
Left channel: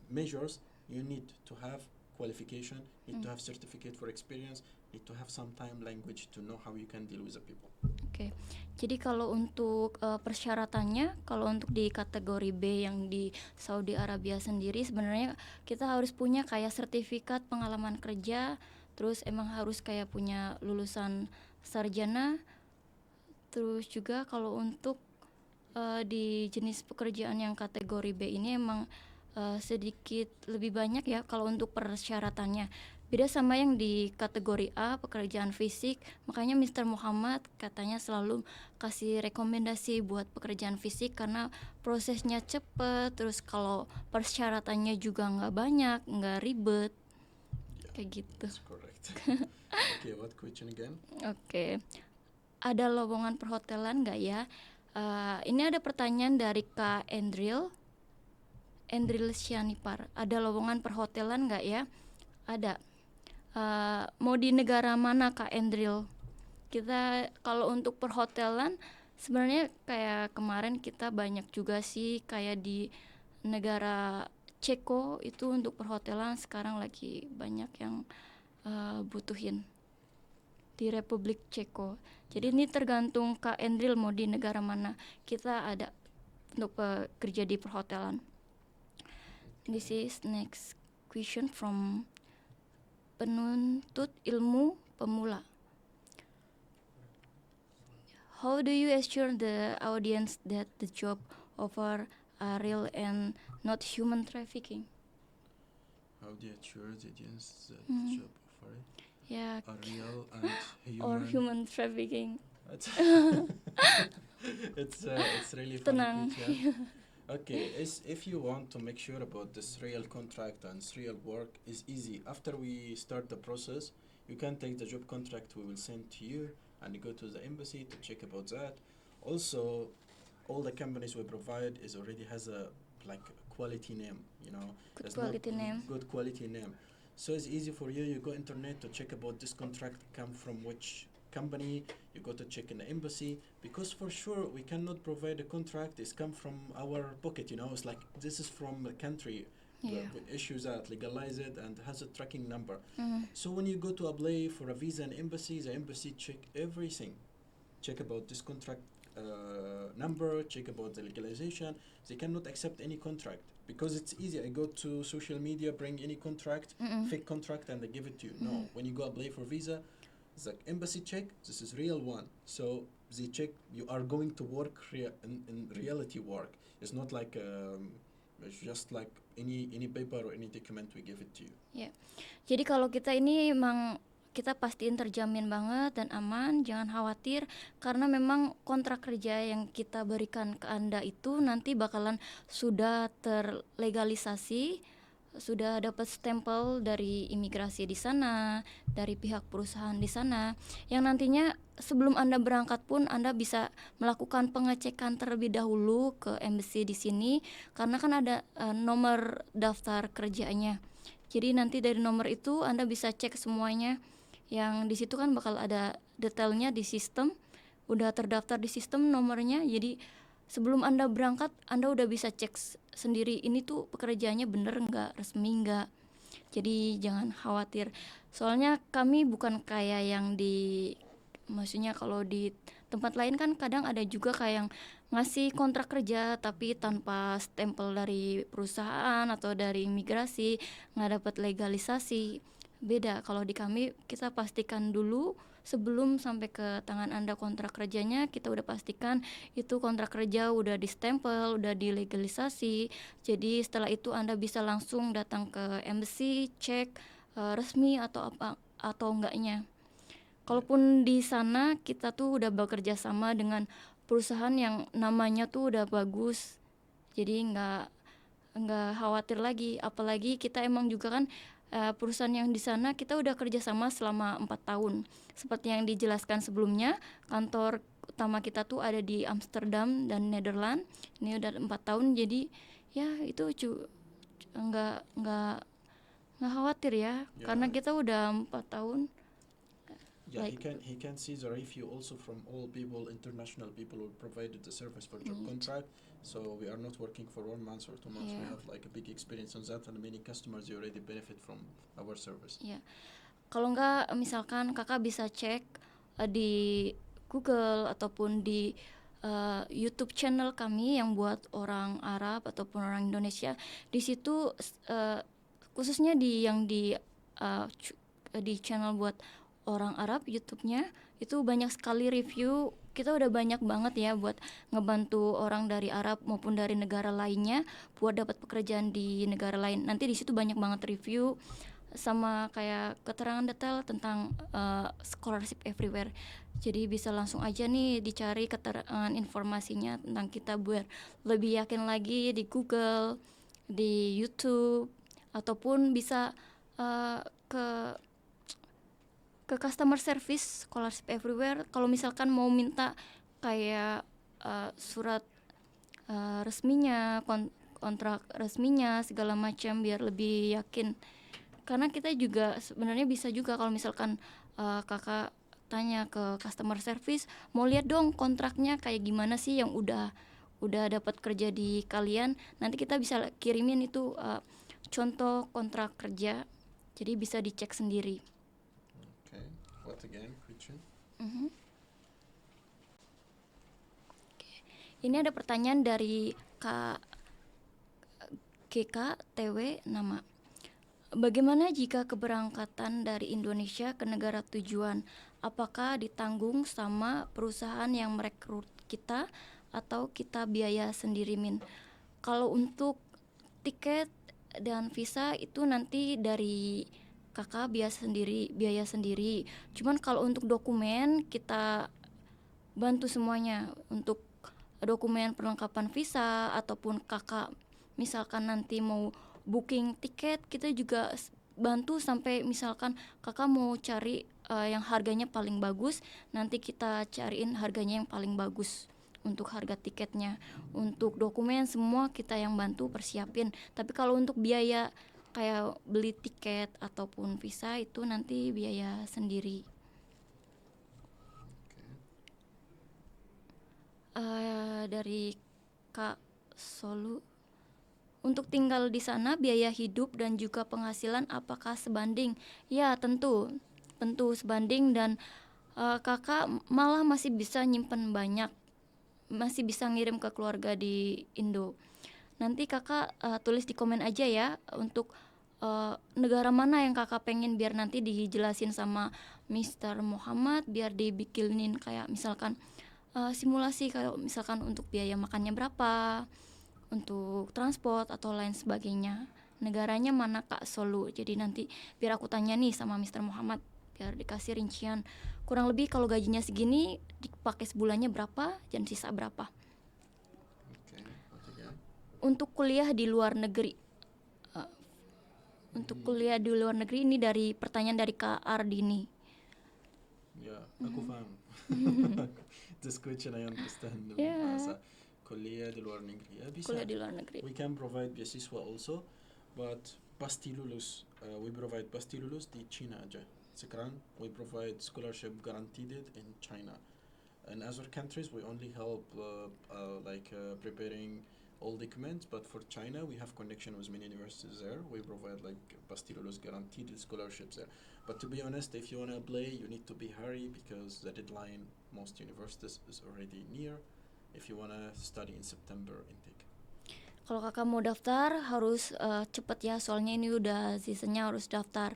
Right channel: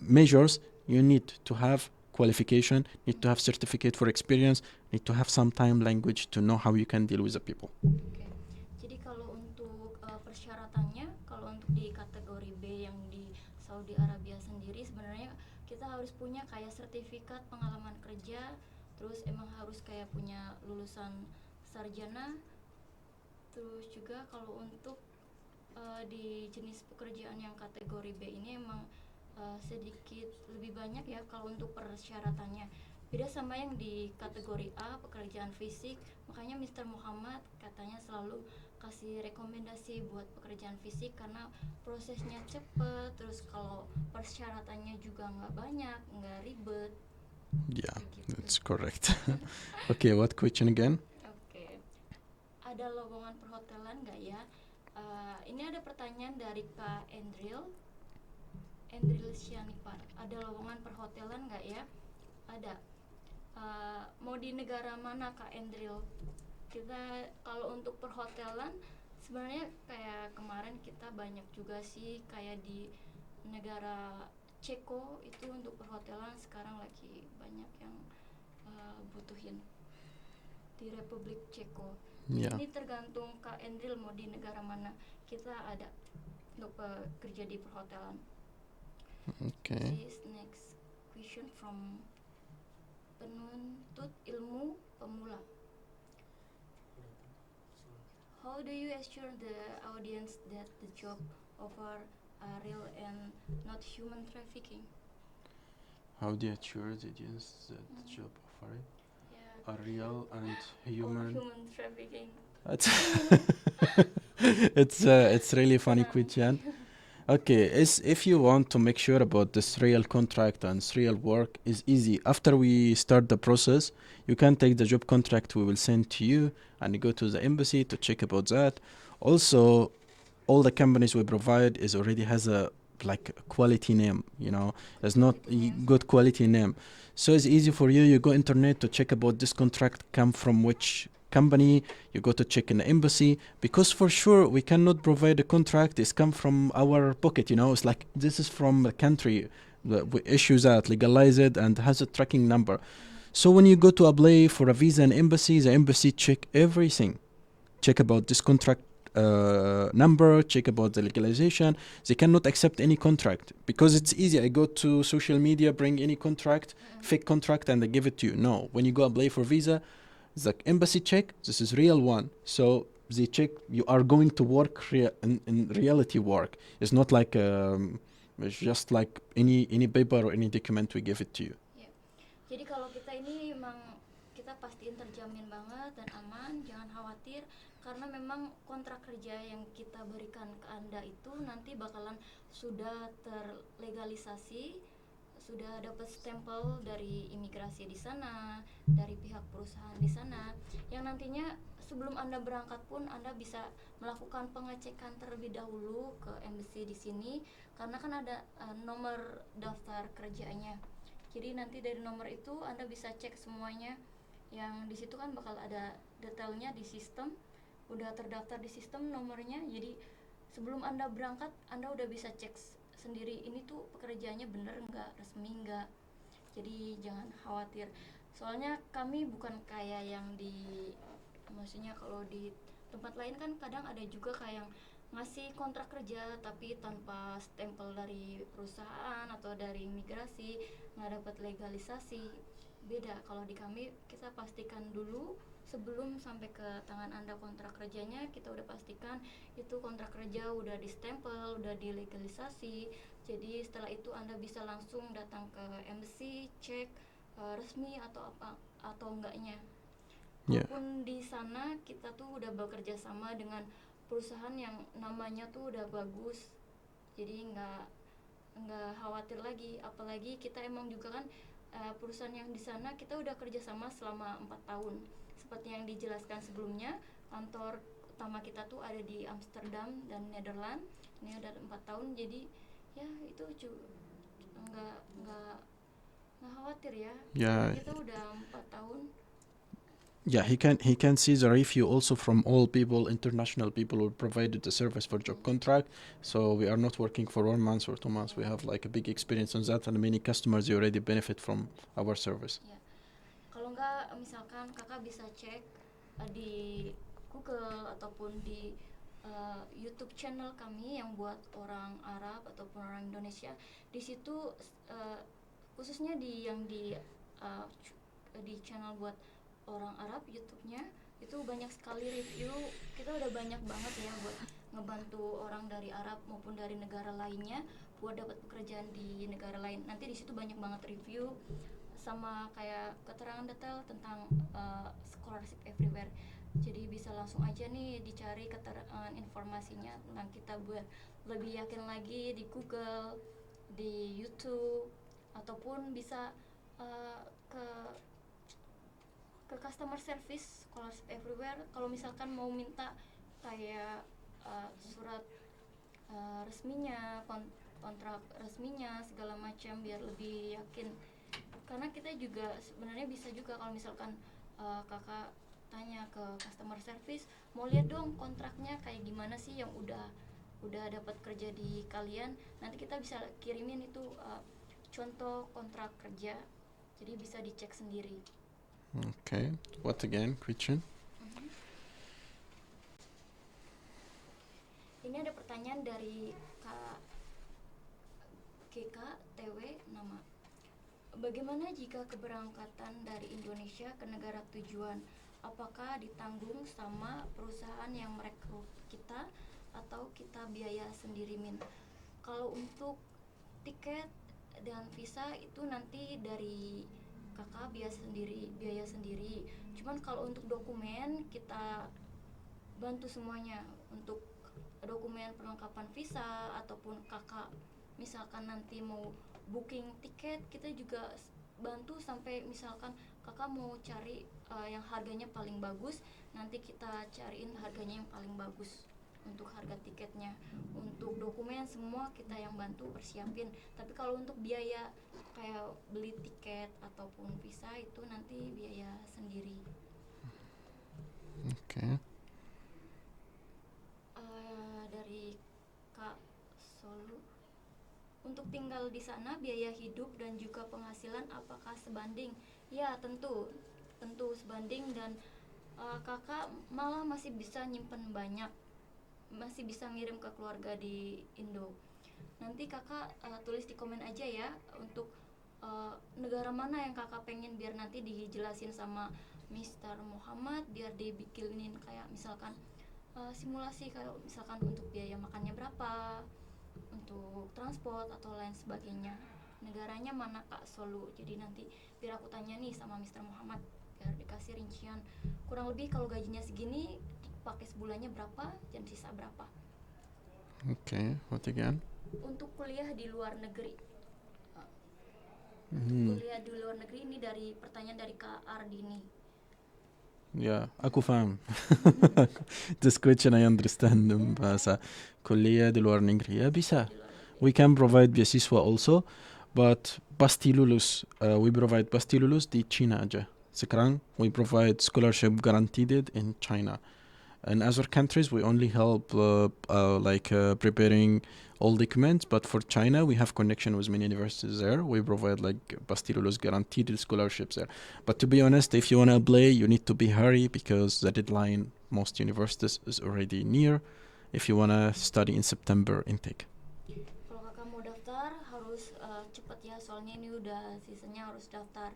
measures, you need to have qualification, need to have certificate for experience, need to have some time language to know how you can deal with the people. Oke. Jadi kalau untuk persyaratannya, kalau untuk di kategori B yang di Saudi Arabia sendiri sebenarnya kita harus punya kayak sertifikat pengalaman kerja, terus emang harus kayak punya lulusan sarjana. Terus juga kalau untuk di jenis pekerjaan yang kategori B ini emang sedikit lebih banyak ya kalau untuk persyaratannya. Beda sama yang di kategori A, pekerjaan fisik. Makanya Mr. Muhammad katanya selalu kasih rekomendasi buat pekerjaan fisik karena prosesnya cepet, terus kalau persyaratannya juga nggak banyak, nggak ribet. Yeah, Kayak gitu. that's correct. Okay, what question again? Oke. Ada lowongan perhotelan nggak ya? Ini ada pertanyaan dari Kak Endril Syanipar. Ada lowongan perhotelan nggak ya? Ada. Mau di negara mana Kak Endril? Kita kalau untuk perhotelan sebenarnya kayak kemarin kita banyak juga sih kayak di negara Ceko itu untuk perhotelan sekarang lagi banyak yang butuhin di Republik Ceko. Jadi Yeah. ini tergantung Kak Endril mau di negara mana. Kita ada untuk kerja di perhotelan. This Okay. is next question from penuntut ilmu pemula. How do you assure the audience that the job offer are real and not human trafficking? How do you assure the audience that Mhm. job offering Ya, are real and or human? human trafficking. That's it's really funny Tenang. question. Okay, if you want to make sure about this real contract and this real work is easy. After we start the process, you can take the job contract we will send to you and you go to the embassy to check about that. Also, all the companies we provide is already has a like quality name, you know, it's not Quality name. good quality name. So it's easy for you. You go internet to check about this contract come from which company. You go to check in the embassy because for sure we cannot provide a contract. It's come from our pocket. You know, it's like this is from a country Yeah. that we issue that, legalize it, and has a tracking number. Mhm. So when you go to apply for a visa in embassy, the embassy check everything, check about this contract number, check about the legalization. They cannot accept any contract because it's easy. I go to social media, bring any contract, Mm-mm. fake contract, and they give it to you. No, when you go apply for visa, the embassy check this is real one. So they check you are going to work in reality work. It's not like it's just like any paper or any document we give it to you. Jadi kalau kita ini emang kita pastiin terjamin banget dan aman, jangan khawatir karena memang kontrak kerja yang kita berikan ke Anda itu nanti bakalan sudah terlegalisasi, sudah dapat stempel dari imigrasi di sana, dari pihak perusahaan di sana, yang nantinya sebelum Anda berangkat pun Anda bisa melakukan pengecekan terlebih dahulu ke embassy di sini karena kan ada nomor daftar kerjanya. Jadi nanti dari nomor itu Anda bisa cek semuanya, yang di situ kan bakal ada detailnya di sistem, udah terdaftar di sistem nomornya. Jadi sebelum Anda berangkat Anda udah bisa cek sendiri ini tuh pekerjaannya bener nggak, resmi nggak. Jadi jangan khawatir. Soalnya kami bukan kayak yang maksudnya kalau di tempat lain kan kadang ada juga kayak yang ngasih kontrak kerja tapi tanpa stempel dari perusahaan atau dari imigrasi, nggak dapat legalisasi. Beda, kalau di kami kita pastikan dulu sebelum sampai ke tangan Anda kontrak kerjanya, kita udah pastikan itu kontrak kerja udah di-stempel, udah dilegalisasi. Jadi setelah itu Anda bisa langsung datang ke embassy, cek resmi atau apa atau enggaknya. Kalaupun di sana kita tuh udah bekerja sama dengan perusahaan yang namanya tuh udah bagus, jadi nggak khawatir lagi. Apalagi kita emang juga kan perusahaan yang di sana kita udah kerjasama selama 4 tahun. Seperti yang dijelaskan sebelumnya, kantor utama kita tuh ada di Amsterdam dan Nederland. Ini udah 4 tahun, jadi ya itu nggak khawatir ya, karena Yeah, kita udah 4 tahun. yeah, he can see the review also from all people, international people who provided the service for job contract. So we are not working for 1 month or 2 months. We Yeah. have like a big experience on that, and many customers already benefit from our service. Ya, kalau nggak misalkan kakak bisa cek di Google ataupun di YouTube channel kami yang buat orang Arab ataupun orang Indonesia. Di situ khususnya di channel buat orang Arab YouTube-nya itu banyak sekali review. Kita udah banyak banget ya buat ngebantu orang dari Arab maupun dari negara lainnya buat dapat pekerjaan di negara lain. Nanti di situ banyak banget review sama kayak keterangan detail tentang scholarship everywhere. Jadi bisa langsung aja nih dicari keterangan informasinya tentang kita biar lebih yakin lagi di Google, di YouTube, ataupun bisa ke customer service scholarship everywhere kalau misalkan mau minta kayak surat resminya, kontrak resminya segala macam biar lebih yakin. Karena kita juga sebenarnya bisa juga kalau misalkan kakak tanya ke customer service, mau lihat dong kontraknya kayak gimana sih yang udah dapat kerja di kalian, nanti kita bisa kirimin itu contoh kontrak kerja, jadi bisa dicek sendiri. Okay. What again, question? Ini ada pertanyaan dari Kak GK TW nama. Bagaimana jika keberangkatan dari Indonesia ke negara tujuan? Apakah ditanggung sama perusahaan yang merekrut kita atau kita biaya sendiri, Min? Kalau untuk tiket dan visa itu nanti dari kakak biaya sendiri. Cuman kalau untuk dokumen kita bantu semuanya. Untuk dokumen perlengkapan visa ataupun kakak misalkan nanti mau booking tiket, kita juga bantu sampai misalkan kakak mau cari yang harganya paling bagus, nanti kita cariin harganya yang paling bagus untuk harga tiketnya. Untuk dokumen semua kita yang bantu persiapin. Tapi kalau untuk biaya kayak beli tiket ataupun visa itu nanti biaya sendiri. Okay. Dari Kak Solu, untuk tinggal di sana biaya hidup dan juga penghasilan apakah sebanding? Ya tentu sebanding, dan kakak malah masih bisa nyimpen banyak, masih bisa ngirim ke keluarga di Indo. Nanti kakak tulis di komen aja ya untuk negara mana yang kakak pengen, biar nanti dijelasin sama Mr. Muhammad biar dibikinin kayak misalkan simulasi kayak misalkan untuk biaya makannya berapa, untuk transport atau lain sebagainya. Negaranya mana Kak Solu? Jadi nanti biar aku tanya nih sama Mr. Muhammad biar dikasih rincian. Kurang lebih kalau gajinya segini dipakai sebulannya berapa dan sisa berapa. Okay. What again? Untuk kuliah di luar negeri. Untuk kuliah di luar negeri ini dari pertanyaan dari Kak Ardini. Yeah, aku faham. This question I understand. Bahasa kuliah di luar negeri. Ya bisa. Kuliah di luar negeri. We can provide beasiswa also, but pasti lulus. We provide pasti lulus di China aja. Sekarang we provide scholarship guaranteed in China. In other countries we only help preparing all documents, but for China we have connection with many universities there. We provide like pasti lulus guaranteed scholarships there. But to be honest, if you want to apply, you need to be hurry because the deadline most universities is already near. If you want to study in September intake. Kalau kakak mau daftar harus cepet ya, soalnya ini udah seasonnya harus daftar.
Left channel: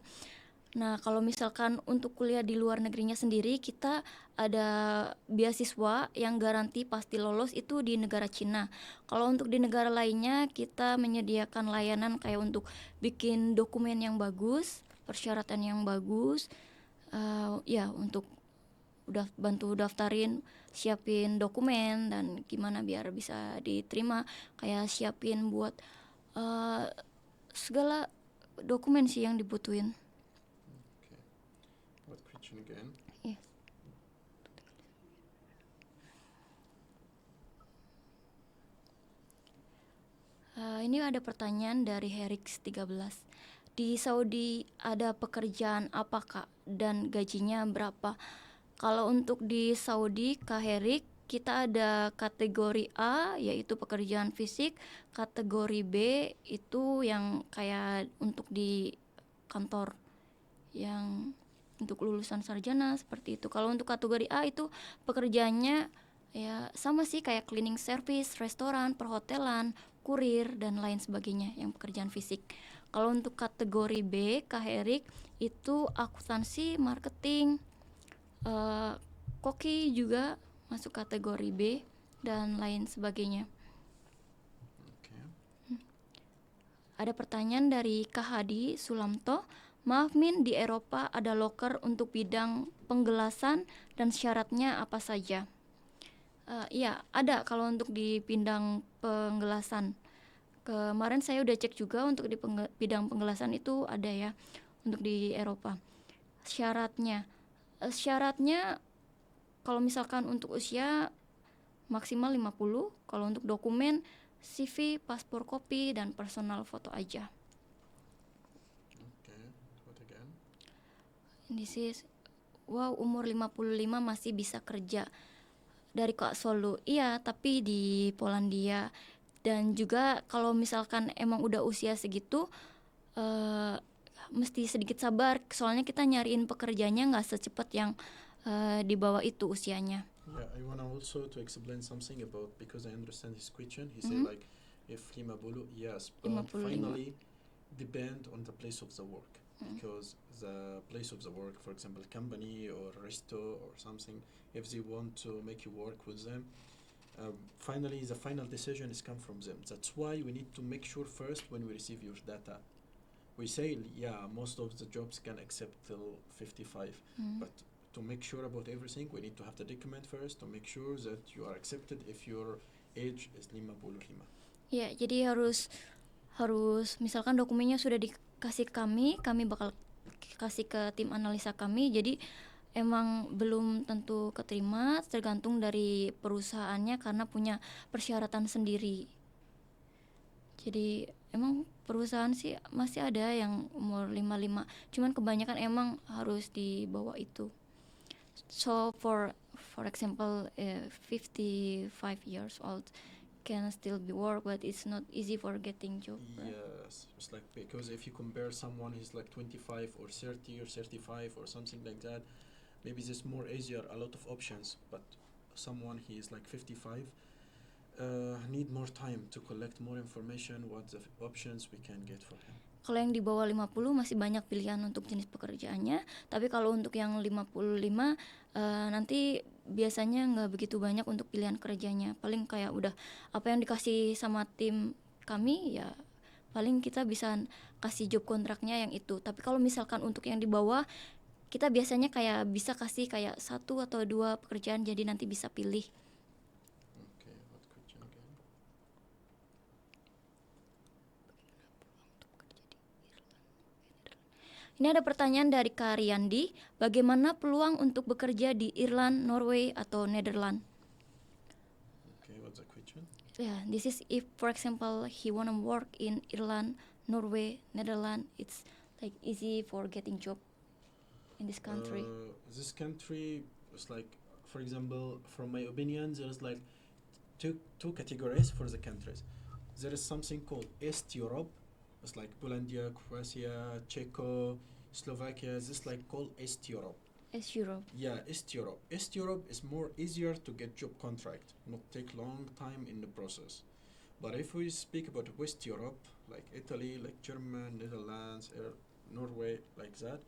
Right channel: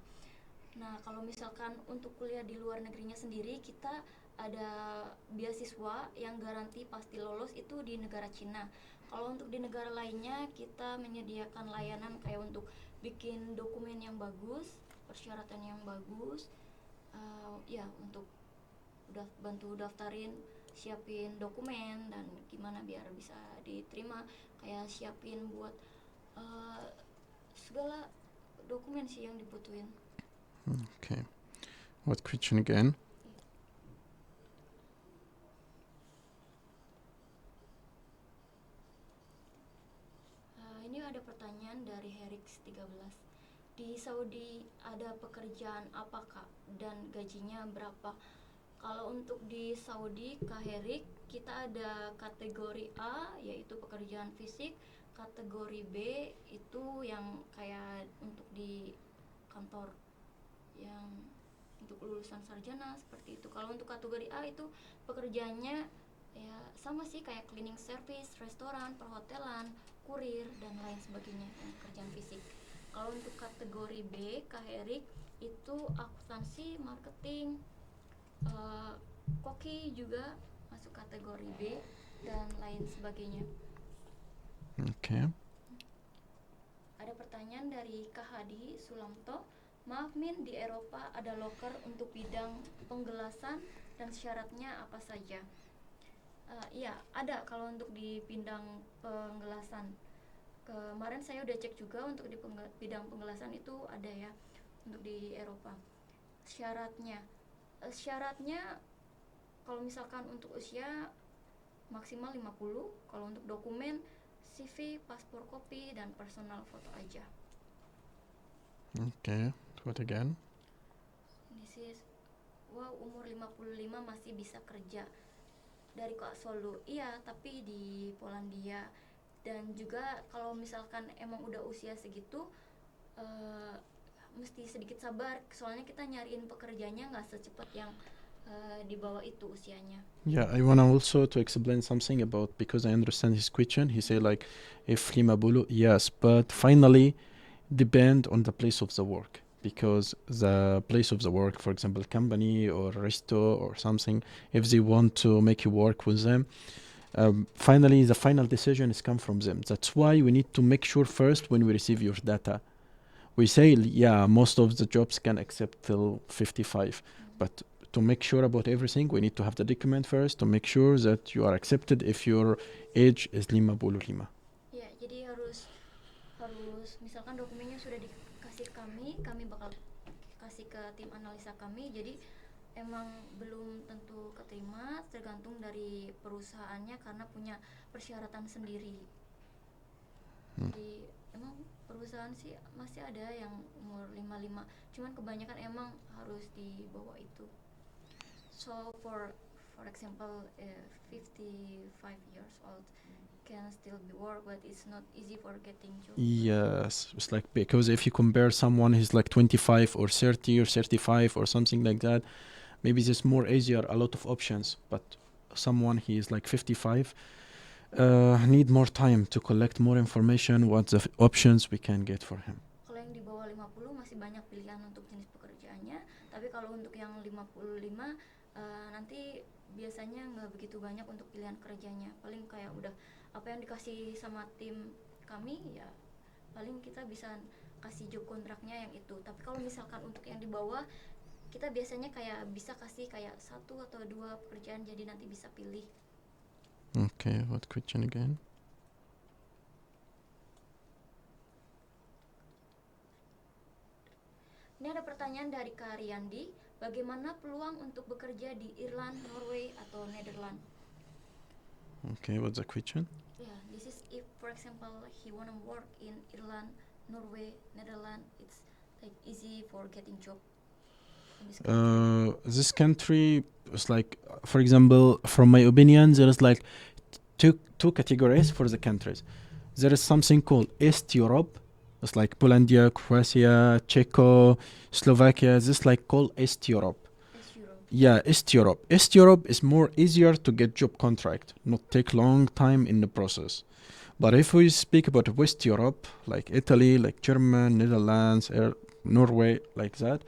Nah kalau misalkan untuk kuliah di luar negerinya sendiri, kita ada beasiswa yang garansi pasti lolos itu di negara Cina. Kalau untuk di negara lainnya kita menyediakan layanan kayak untuk bikin dokumen yang bagus, persyaratan yang bagus, ya untuk udah bantu daftarin siapin dokumen dan gimana biar bisa diterima, kayak siapin buat segala dokumen sih yang dibutuhin. Okay. What question again? Ini ada pertanyaan dari Herix 13. Di Saudi ada pekerjaan apa Kak dan gajinya berapa? Kalau untuk di Saudi Kak Herik, kita ada kategori A yaitu pekerjaan fisik, kategori B itu yang kayak untuk di kantor yang untuk lulusan sarjana seperti itu. Kalau untuk kategori A itu pekerjaannya ya sama sih kayak cleaning service, restoran, perhotelan, kurir dan lain sebagainya yang pekerjaan fisik. Kalau untuk kategori B, Kak Erik itu akuntansi, marketing, koki juga masuk kategori B dan lain sebagainya. Okay. Ada pertanyaan dari Kak Hadi Sulamto. Maaf Min, di Eropa ada loker untuk bidang penggelasan dan syaratnya apa saja? Iya, ada kalau untuk di bidang penggelasan. Kemarin saya udah cek juga untuk di bidang penggelasan itu ada ya untuk di Eropa. Syaratnya kalau misalkan untuk usia maksimal 50, kalau untuk dokumen CV, paspor kopi dan personal foto aja. Okay. What again? This is umur 55 masih bisa kerja. Dari Kak Solo, iya, tapi di Polandia. Dan juga kalau misalkan emang udah usia segitu, mesti sedikit sabar. Soalnya kita nyariin pekerjaannya nggak secepat yang di bawah itu usianya. Yeah, I want also to explain something about, because I understand his question. He say like, if lima bulu, yes, but finally depend on the place of the work. Because the place of the work, for example, company or resto or something, if they want to make you work with them, finally the final decision is come from them. That's why we need to make sure first when we receive your data. We say, yeah, most of the jobs can accept till 55, but to make sure about everything, we need to have the document first to make sure that you are accepted if your age is 55. Ya, jadi harus misalkan dokumennya sudah dikasih kami bakal kasih ke tim analisa kami. Jadi emang belum tentu keterima, tergantung dari perusahaannya karena punya persyaratan sendiri. Jadi emang perusahaan sih masih ada yang umur 55, cuman kebanyakan emang harus di bawah itu. So for example, 55 years old can still be work, but it's not easy for getting job. Yes, it's like, because if you compare someone who's like 25 or 30 or 35 or something like that, maybe it's more easier, a lot of options, but someone he is like 55 need more time to collect more information, what the options we can get for him. Kalau yang di bawah 50 masih banyak pilihan untuk jenis pekerjaannya, tapi kalau untuk yang 55 nanti biasanya nggak begitu banyak untuk pilihan kerjanya. Paling kayak udah apa yang dikasih sama tim kami ya paling kita bisa kasih job kontraknya yang itu. Tapi kalau misalkan untuk yang di bawah kita biasanya kayak bisa kasih kayak 1 atau 2 pekerjaan, jadi nanti bisa pilih. Okay, what question again? Ini ada pertanyaan dari Kak Riyandi, bagaimana peluang untuk bekerja di Irland, Norway, atau Netherlands? Okay, what's the question? Yeah, this is if, for example, he wanna work in Ireland, Norway, Netherlands, it's like easy for getting job in this country. This country is like, for example, from my opinion, there is like two categories for the countries. There is something called East Europe. It's like Polandia, Croatia, Czechia, Slovakia. This is like called East Europe. East Europe. Yeah, East Europe. East Europe is more easier to get job contract, not take long time in the process. But if we speak about West Europe, like Italy, like Germany, Netherlands, Norway, like that,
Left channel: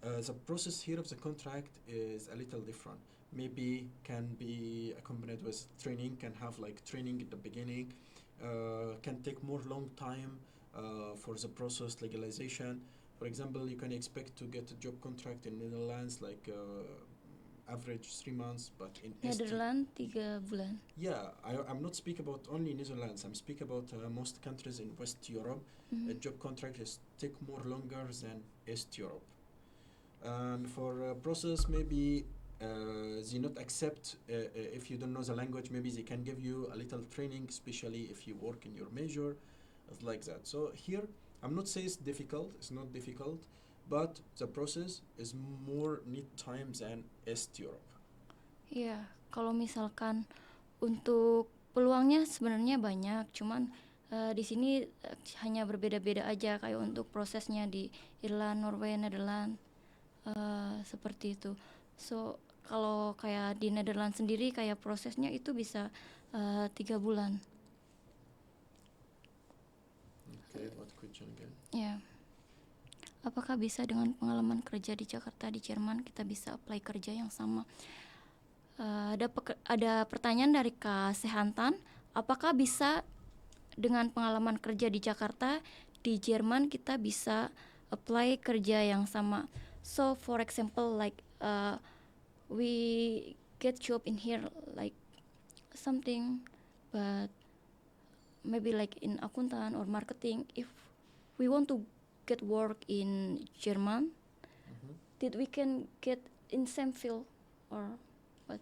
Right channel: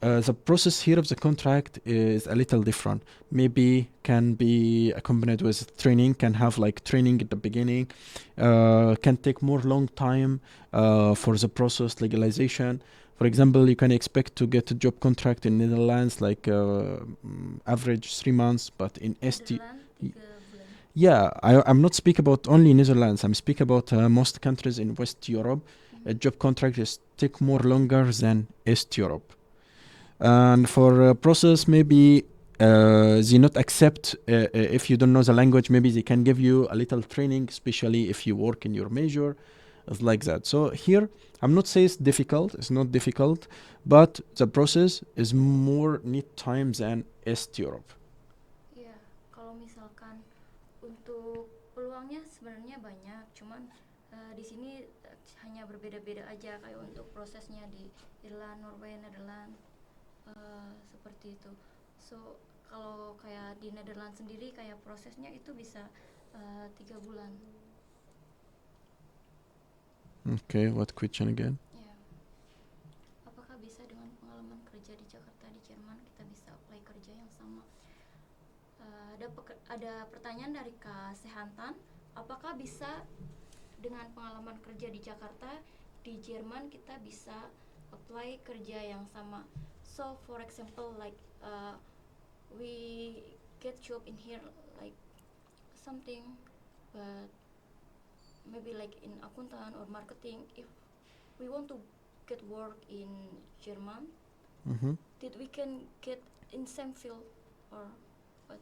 the process here of the contract is a little different. Maybe can be accompanied with training, can have like training at the beginning, can take more long time for the process legalization. For example, you can expect to get a job contract in Netherlands like average 3 months, but in ST. Nederland 3 bulan. Yeah, I'm not speak about only Netherlands. I'm speak about most countries in West Europe. A job contract is take more longer than East Europe. And for process, maybe they not accept if you don't know the language. Maybe they can give you a little training, especially if you work in your major. It's like that. So here, I'm not saying it's difficult. It's not difficult, but the process is more need time than East Europe. Iya, kalau misalkan untuk peluangnya sebenarnya banyak, cuman di sini hanya berbeda-beda aja kayak untuk prosesnya di Irland, Norway, Nederland seperti itu. So kalau kayak di Nederland sendiri kayak prosesnya itu bisa 3 bulan. Okay, what question again? Ya. Apakah bisa dengan pengalaman kerja di Jakarta di Jerman kita bisa apply kerja yang sama? Ada pertanyaan dari Kak Sehantan, apakah bisa dengan pengalaman kerja di Jakarta di Jerman kita bisa apply kerja yang sama? So for example like we get job in here like something, but maybe like in accountant or marketing, if we want to get work in German, did we can get in same field or what?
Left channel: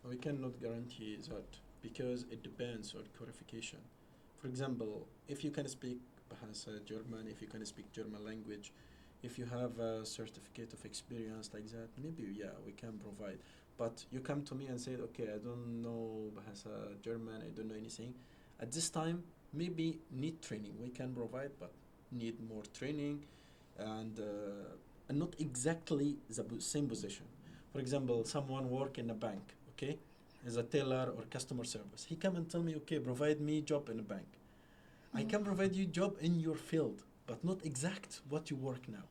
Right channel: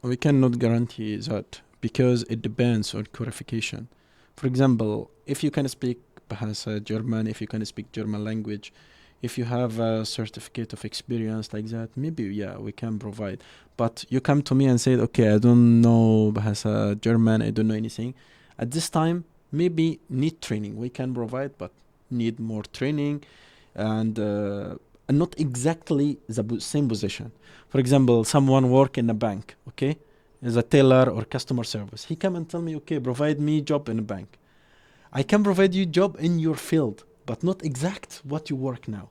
We cannot guarantee that because it depends on qualification. For example, if you can speak Bahasa German, if you can speak German language, if you have a certificate of experience like that, maybe yeah, we can provide. But you come to me and say, okay, I don't know Bahasa German, I don't know anything. At this time, maybe need training. We can provide, but need more training and not exactly the same position. For example, someone work in a bank, okay, as a teller or customer service. He come and tell me, okay, provide me job in a bank. I can provide you job in your field, but not exact what you work now.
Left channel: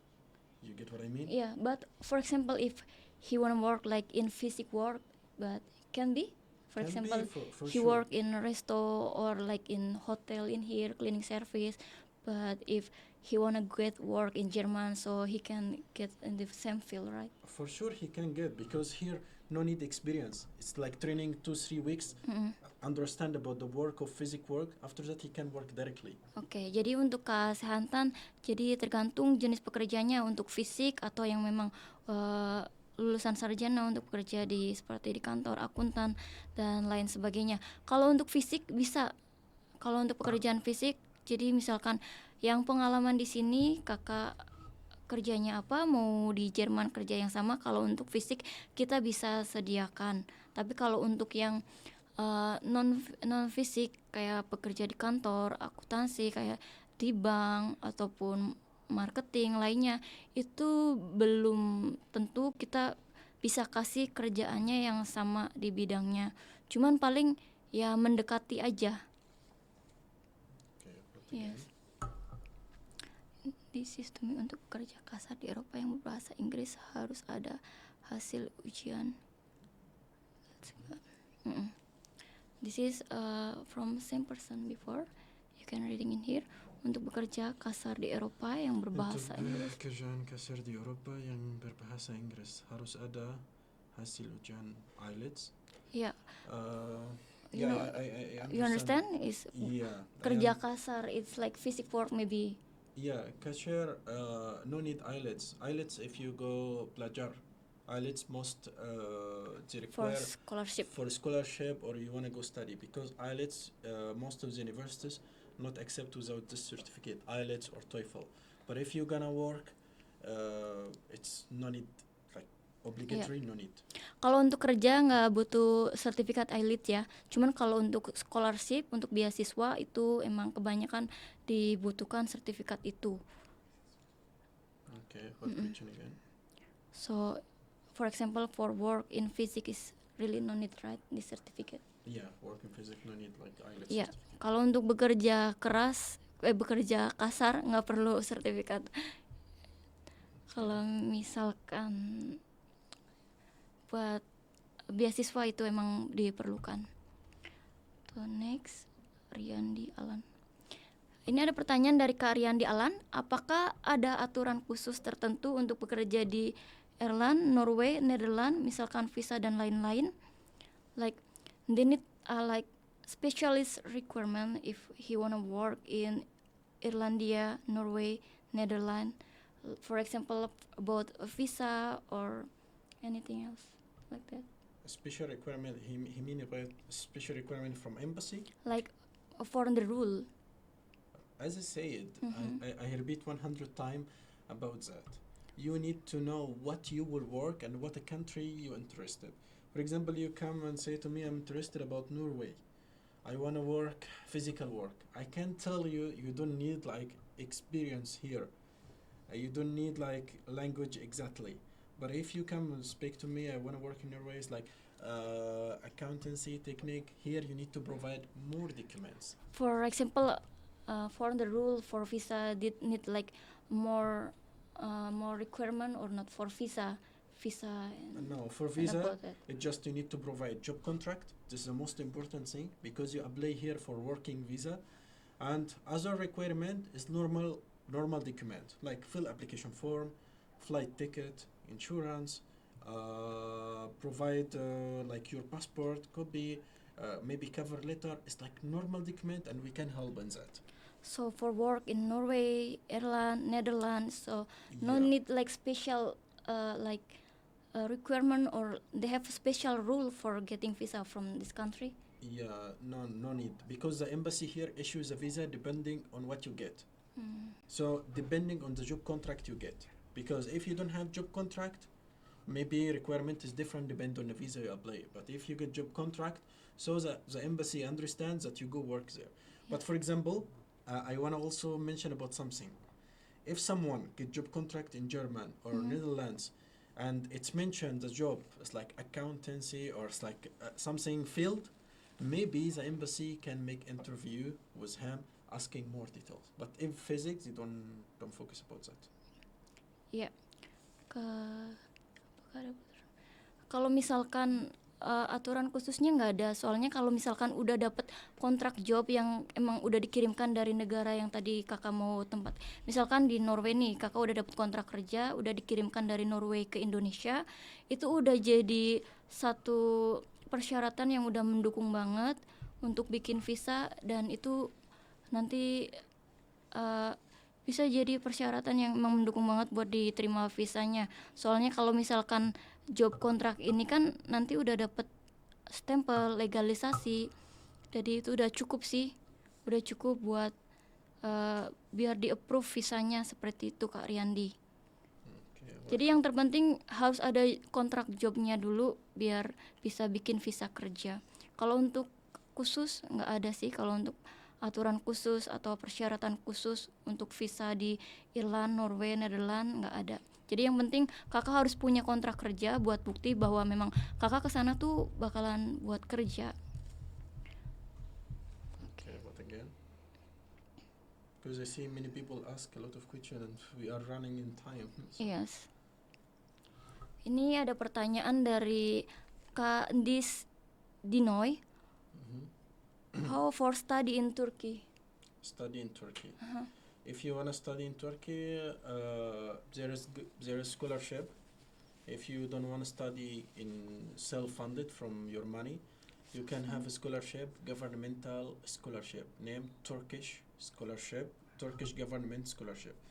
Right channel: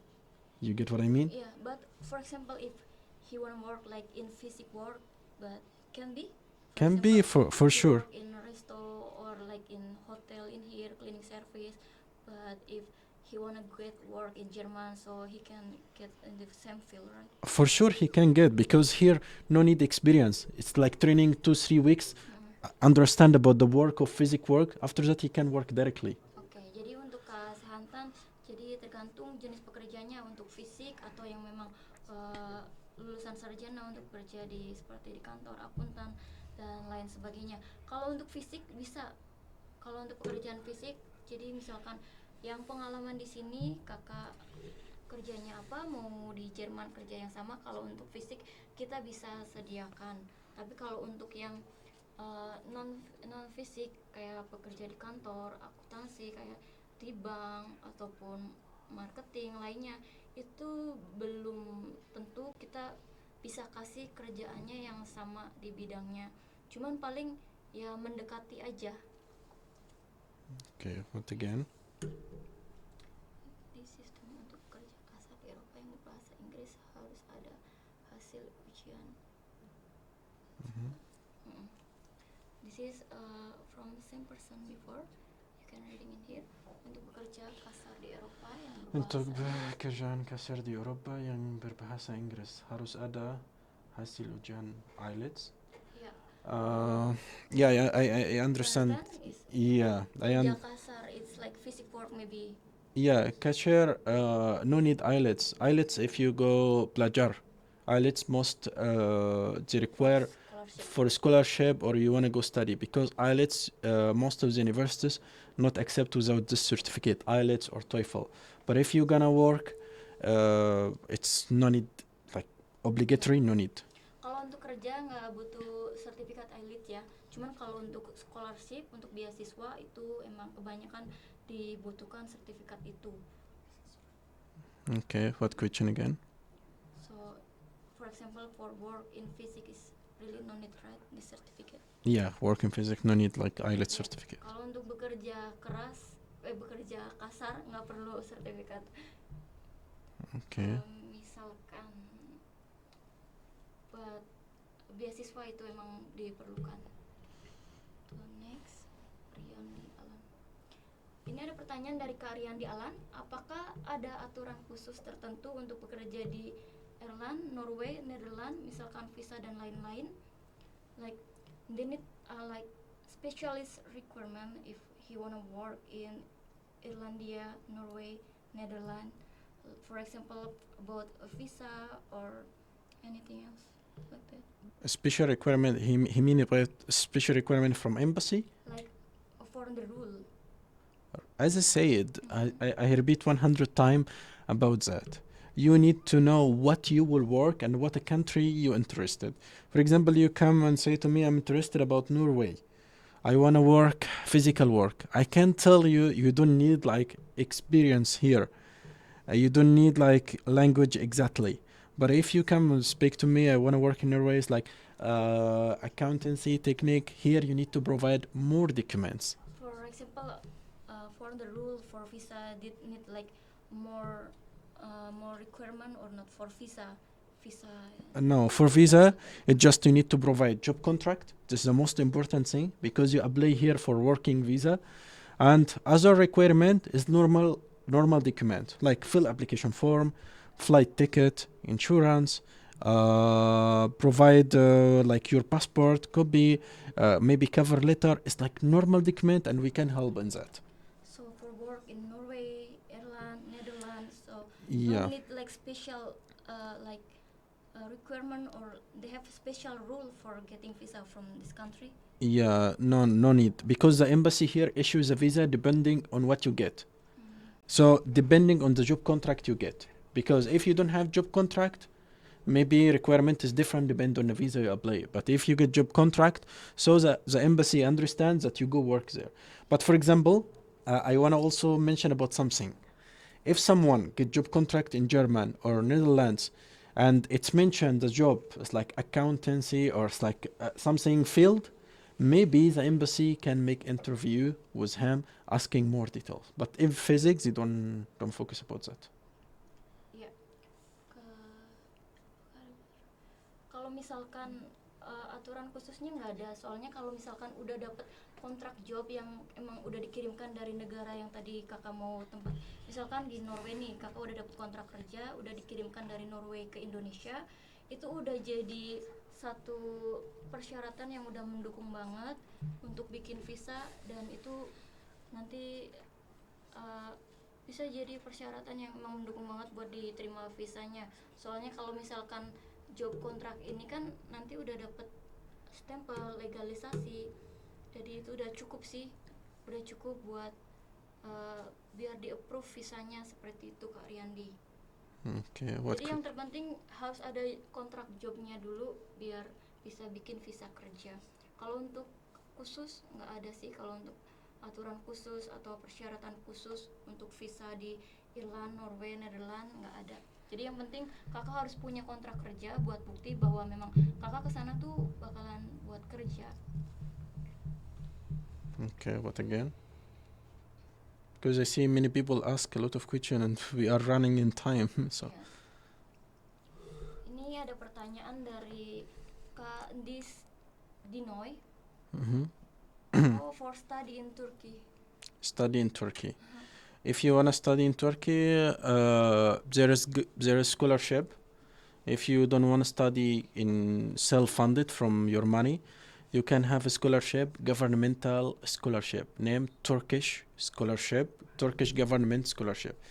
You get what I mean? Yeah, but for example, if he wanna work like in physical work, but can be. Can be for he sure. work in a resto or like in hotel in here, cleaning service. But if he wanna get work in German, so he can get in the same field, right? For sure he can get, because here no need experience. It's like training 2-3 weeks, understand about the work of physical work. After that he can work directly. Oke, jadi untuk kesehatan, jadi tergantung jenis pekerjaannya untuk fisik atau yang memang lulusan sarjana untuk bekerja di seperti di kantor, akuntan dan lain sebagainya. Kalau untuk fisik bisa, kalau untuk pekerjaan fisik, jadi misalkan yang pengalaman di sini kakak kerjanya apa, mau di Jerman kerja yang sama, kalau untuk fisik kita bisa sediakan. Tapi kalau untuk yang non fisik kayak pekerja di kantor, akuntansi kayak di bank ataupun marketing lainnya, itu belum tentu kita bisa kasih kerjaannya yang sama di bidangnya. Cuman paling ya mendekati aja. Okay, what again? Di sistem untuk kerja kasar di Eropa yang berbahasa Inggris harus ada hasil ujian. This is from same person before. You can reading in here. Untuk bekerja kasar di Eropa yang berbahasa Inggris. Kerjaan kasar di Eropa yang berbahasa Inggris harus ada hasil ujian IELTS. Yeah. Yeah, I understand. You understand? Is Yeah, kerja kasar, it's like physical work maybe. Yeah, cashier, no need IELTS. IELTS if you go pelajar. IELTS most they require for scholarship or you want to go study, because IELTS most of the universities not accept without this certificate, IELTS or TOEFL. But if you gonna work, it's no need, like obligatory, no need. Kalau untuk kerja nggak butuh sertifikat IELTS ya. Cuman kalau untuk scholarship, untuk beasiswa itu emang kebanyakan dibutuhkan sertifikat itu. Okay, what question again? So, for example, for work in physics is really no need, right? This certificate. Yeah, work in physics no need like IELTS Yeah. certificate. Kalau untuk bekerja keras, bekerja kasar nggak perlu sertifikat. Okay. Kalau misalkan buat beasiswa itu emang diperlukan. So next, Riyandi Alan. Ini ada pertanyaan dari Kak Riyandi Alan, apakah ada aturan khusus tertentu untuk bekerja di Ireland, Norway, Netherlands, misalkan visa dan lain-lain? Like they need like specialist requirement if he wanna work in Irlandia, Norway, Netherlands. For example, about a visa or anything else like that. A special requirement, he mean about special requirement from embassy? Like for the rule. As I said, Mhm. I repeat 100 times about that. You need to know what you will work and what a country you interested. For example, you come and say to me, I'm interested about Norway. I want to work physical work. I can tell you, you don't need like experience here. You don't need like language exactly. But if you come and speak to me, I want to work in Norway, it's like accountancy technique. Here you need to provide more documents. For example, for the rule for visa did need like more more requirement or not for visa No, for visa, it just you need to provide job contract. This is the most important thing because you apply here for working visa, and other requirement is normal document like fill application form, flight ticket, insurance, provide like your passport copy, maybe cover letter. It's like normal document, and we can help in that. So for work in Norway, Ireland, Netherlands, so no Yeah. need like special like requirement or they have a special rule for getting visa from this country. Yeah, no need because the embassy here issues a visa depending on what you get. So depending on the job contract you get, because if you don't have job contract, maybe requirement is different depend on the visa you apply. But if you get job contract, so the embassy understands that you go work there. But for example, I want to also mention about something. If someone get job contract in German or Netherlands, and it's mentioned the job is like accountancy or it's like something field, maybe the embassy can make interview with him asking more details. But in physics, they don't focus about that. Ya, kalau misalkan aturan khususnya nggak ada, soalnya kalau misalkan udah dapet kontrak job yang emang udah dikirimkan dari negara yang tadi kakak mau tempat, misalkan di Norway nih, kakak udah dapet kontrak kerja, udah dikirimkan dari Norway ke Indonesia, itu udah jadi satu persyaratan yang udah mendukung banget untuk bikin visa, dan itu nanti uh, bisa jadi persyaratan yang emang mendukung banget buat diterima visanya. Soalnya kalau misalkan job kontrak ini kan nanti udah dapet stempel legalisasi, jadi itu udah cukup sih, udah cukup buat biar di approve visanya, seperti itu Kak Riyandi. Okay. Jadi yang terpenting harus ada kontrak jobnya dulu biar bisa bikin visa kerja. Kalau untuk khusus nggak ada sih, kalau untuk aturan khusus atau persyaratan khusus untuk visa di Irland, Norway, Netherlands nggak ada. Jadi yang penting kakak harus punya kontrak kerja buat bukti bahwa memang kakak kesana tuh bakalan buat kerja. Okay, what again? Because I see many people ask a lot of questions and we are running in time. So. Yes. Ini ada pertanyaan dari Kak Dis Dinoy. How for study in Turkey? Study in Turkey. If you wanna study in Turkey, there is scholarship. If you don't wanna study in self-funded from your money, you can have a scholarship, governmental scholarship, named Turkish scholarship, Turkish government scholarship.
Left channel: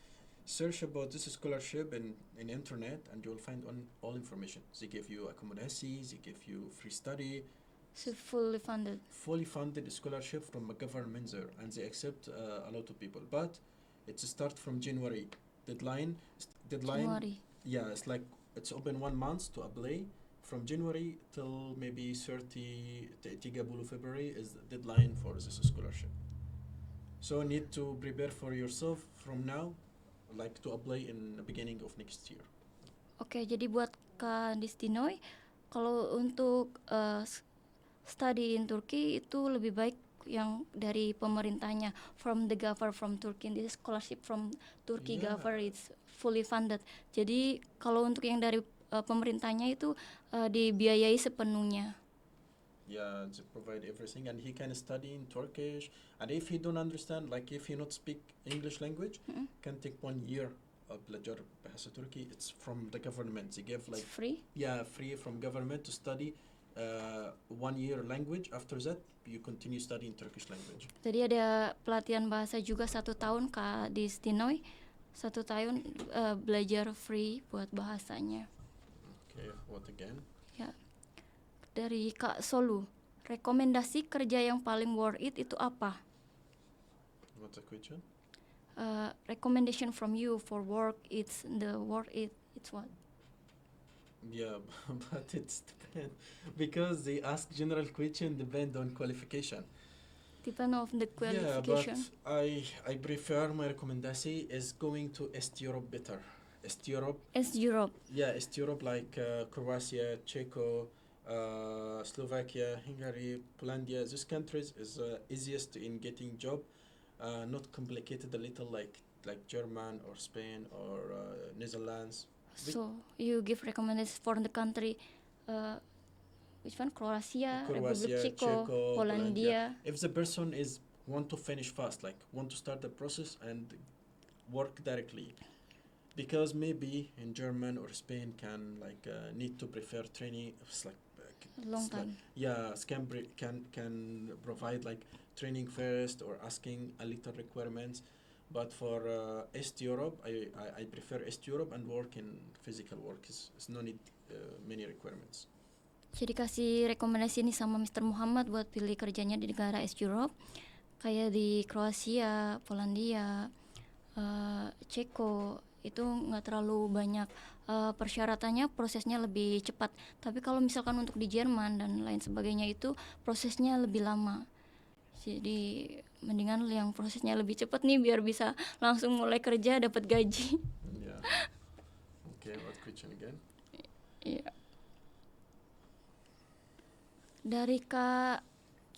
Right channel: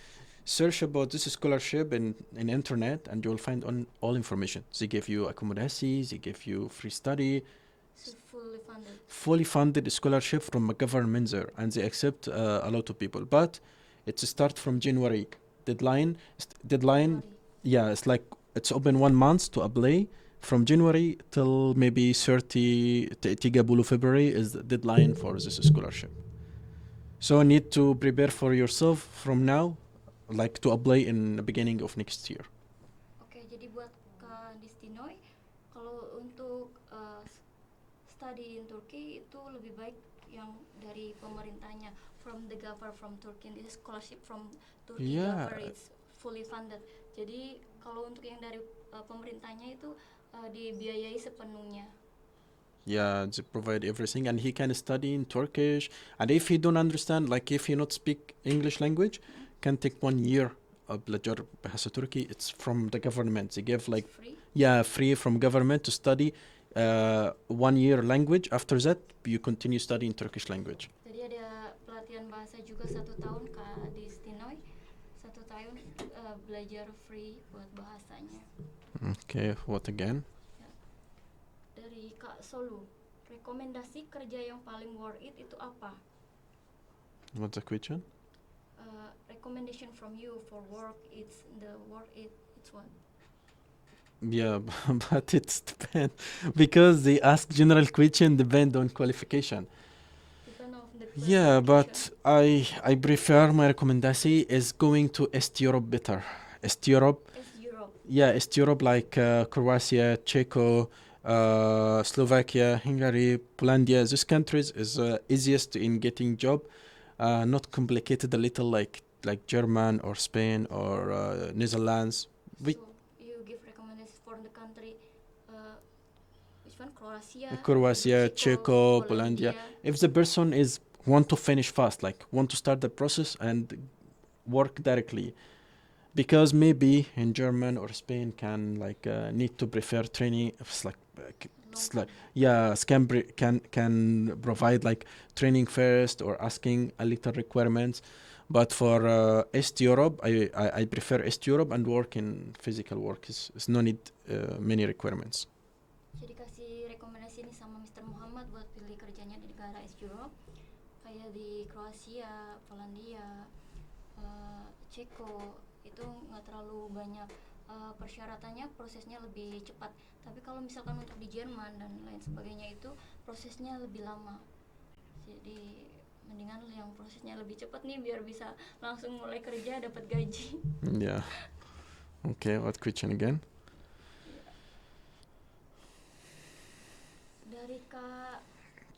Search about this scholarship in internet and you'll find on all information. They give you accommodation, they give you free study, So fully funded scholarship from a government there, and they accept a lot of people. But it's start from January. Deadline. January. Yeah, it's like it's open 1 month to apply. From January till maybe 30 February is the deadline for this scholarship. So need to prepare for yourself from now, like to apply in the beginning of next year. Oke, jadi buat Kak Distinoy, kalau untuk study in Turkey itu lebih baik yang dari pemerintahnya, from the government from Turkey. This scholarship from Turkey government is fully funded. Jadi kalau untuk yang dari pemerintahnya itu dibiayai sepenuhnya. Yeah, they provide everything, and he can study in Turkish. And if he don't understand, like if he not speak English language, can take 1 year belajar bahasa Turki. It's from the government. They give like It's free. yeah free from government to study 1 year language. After that, you continue studying Turkish language. Jadi ada pelatihan bahasa juga 1 tahun Kak di Stinoy. 1 tahun belajar free buat bahasanya. Okay, what again? Ya. Dari Kak Solu, rekomendasi kerja yang paling worth it itu apa? What's the question? Recommendation from you for work, it's the worth it. It's what? Yeah, but it's depend because they ask general question depend on qualification. Depend of the Yeah, but qualification. I prefer my recommendation is going to East Europe better. East Europe, As Europe. yeah, East Europe like Croatia, Czechia, Slovakia, Hungary, Poland. These countries is easiest in getting job, not complicated a little like German or Spain or Netherlands. We- So you give recommendations for the country, which one? Croatia, Croatia, Republic Czechia, Polandia. If the person is want to finish fast, like want to start the process and work directly, because maybe in German or Spain can like need to prefer training. It's like Long it's time. like yeah, can provide like training first or asking a little requirements. But for East Europe, I prefer East Europe and work in physical work. Is no need many requirements. Jadi kasih rekomendasi nih sama Mr. Muhammad buat pilih kerjanya di negara East Europe, kayak di Kroasia, Polandia, Ceko, itu nggak terlalu banyak persyaratannya, prosesnya lebih cepat. Tapi kalau misalkan untuk di Jerman dan lain sebagainya itu prosesnya lebih lama. Jadi mendingan yang prosesnya lebih cepat nih biar bisa langsung mulai kerja dapat gaji. Yeah. Okay. What question again? Iya. Dari Kak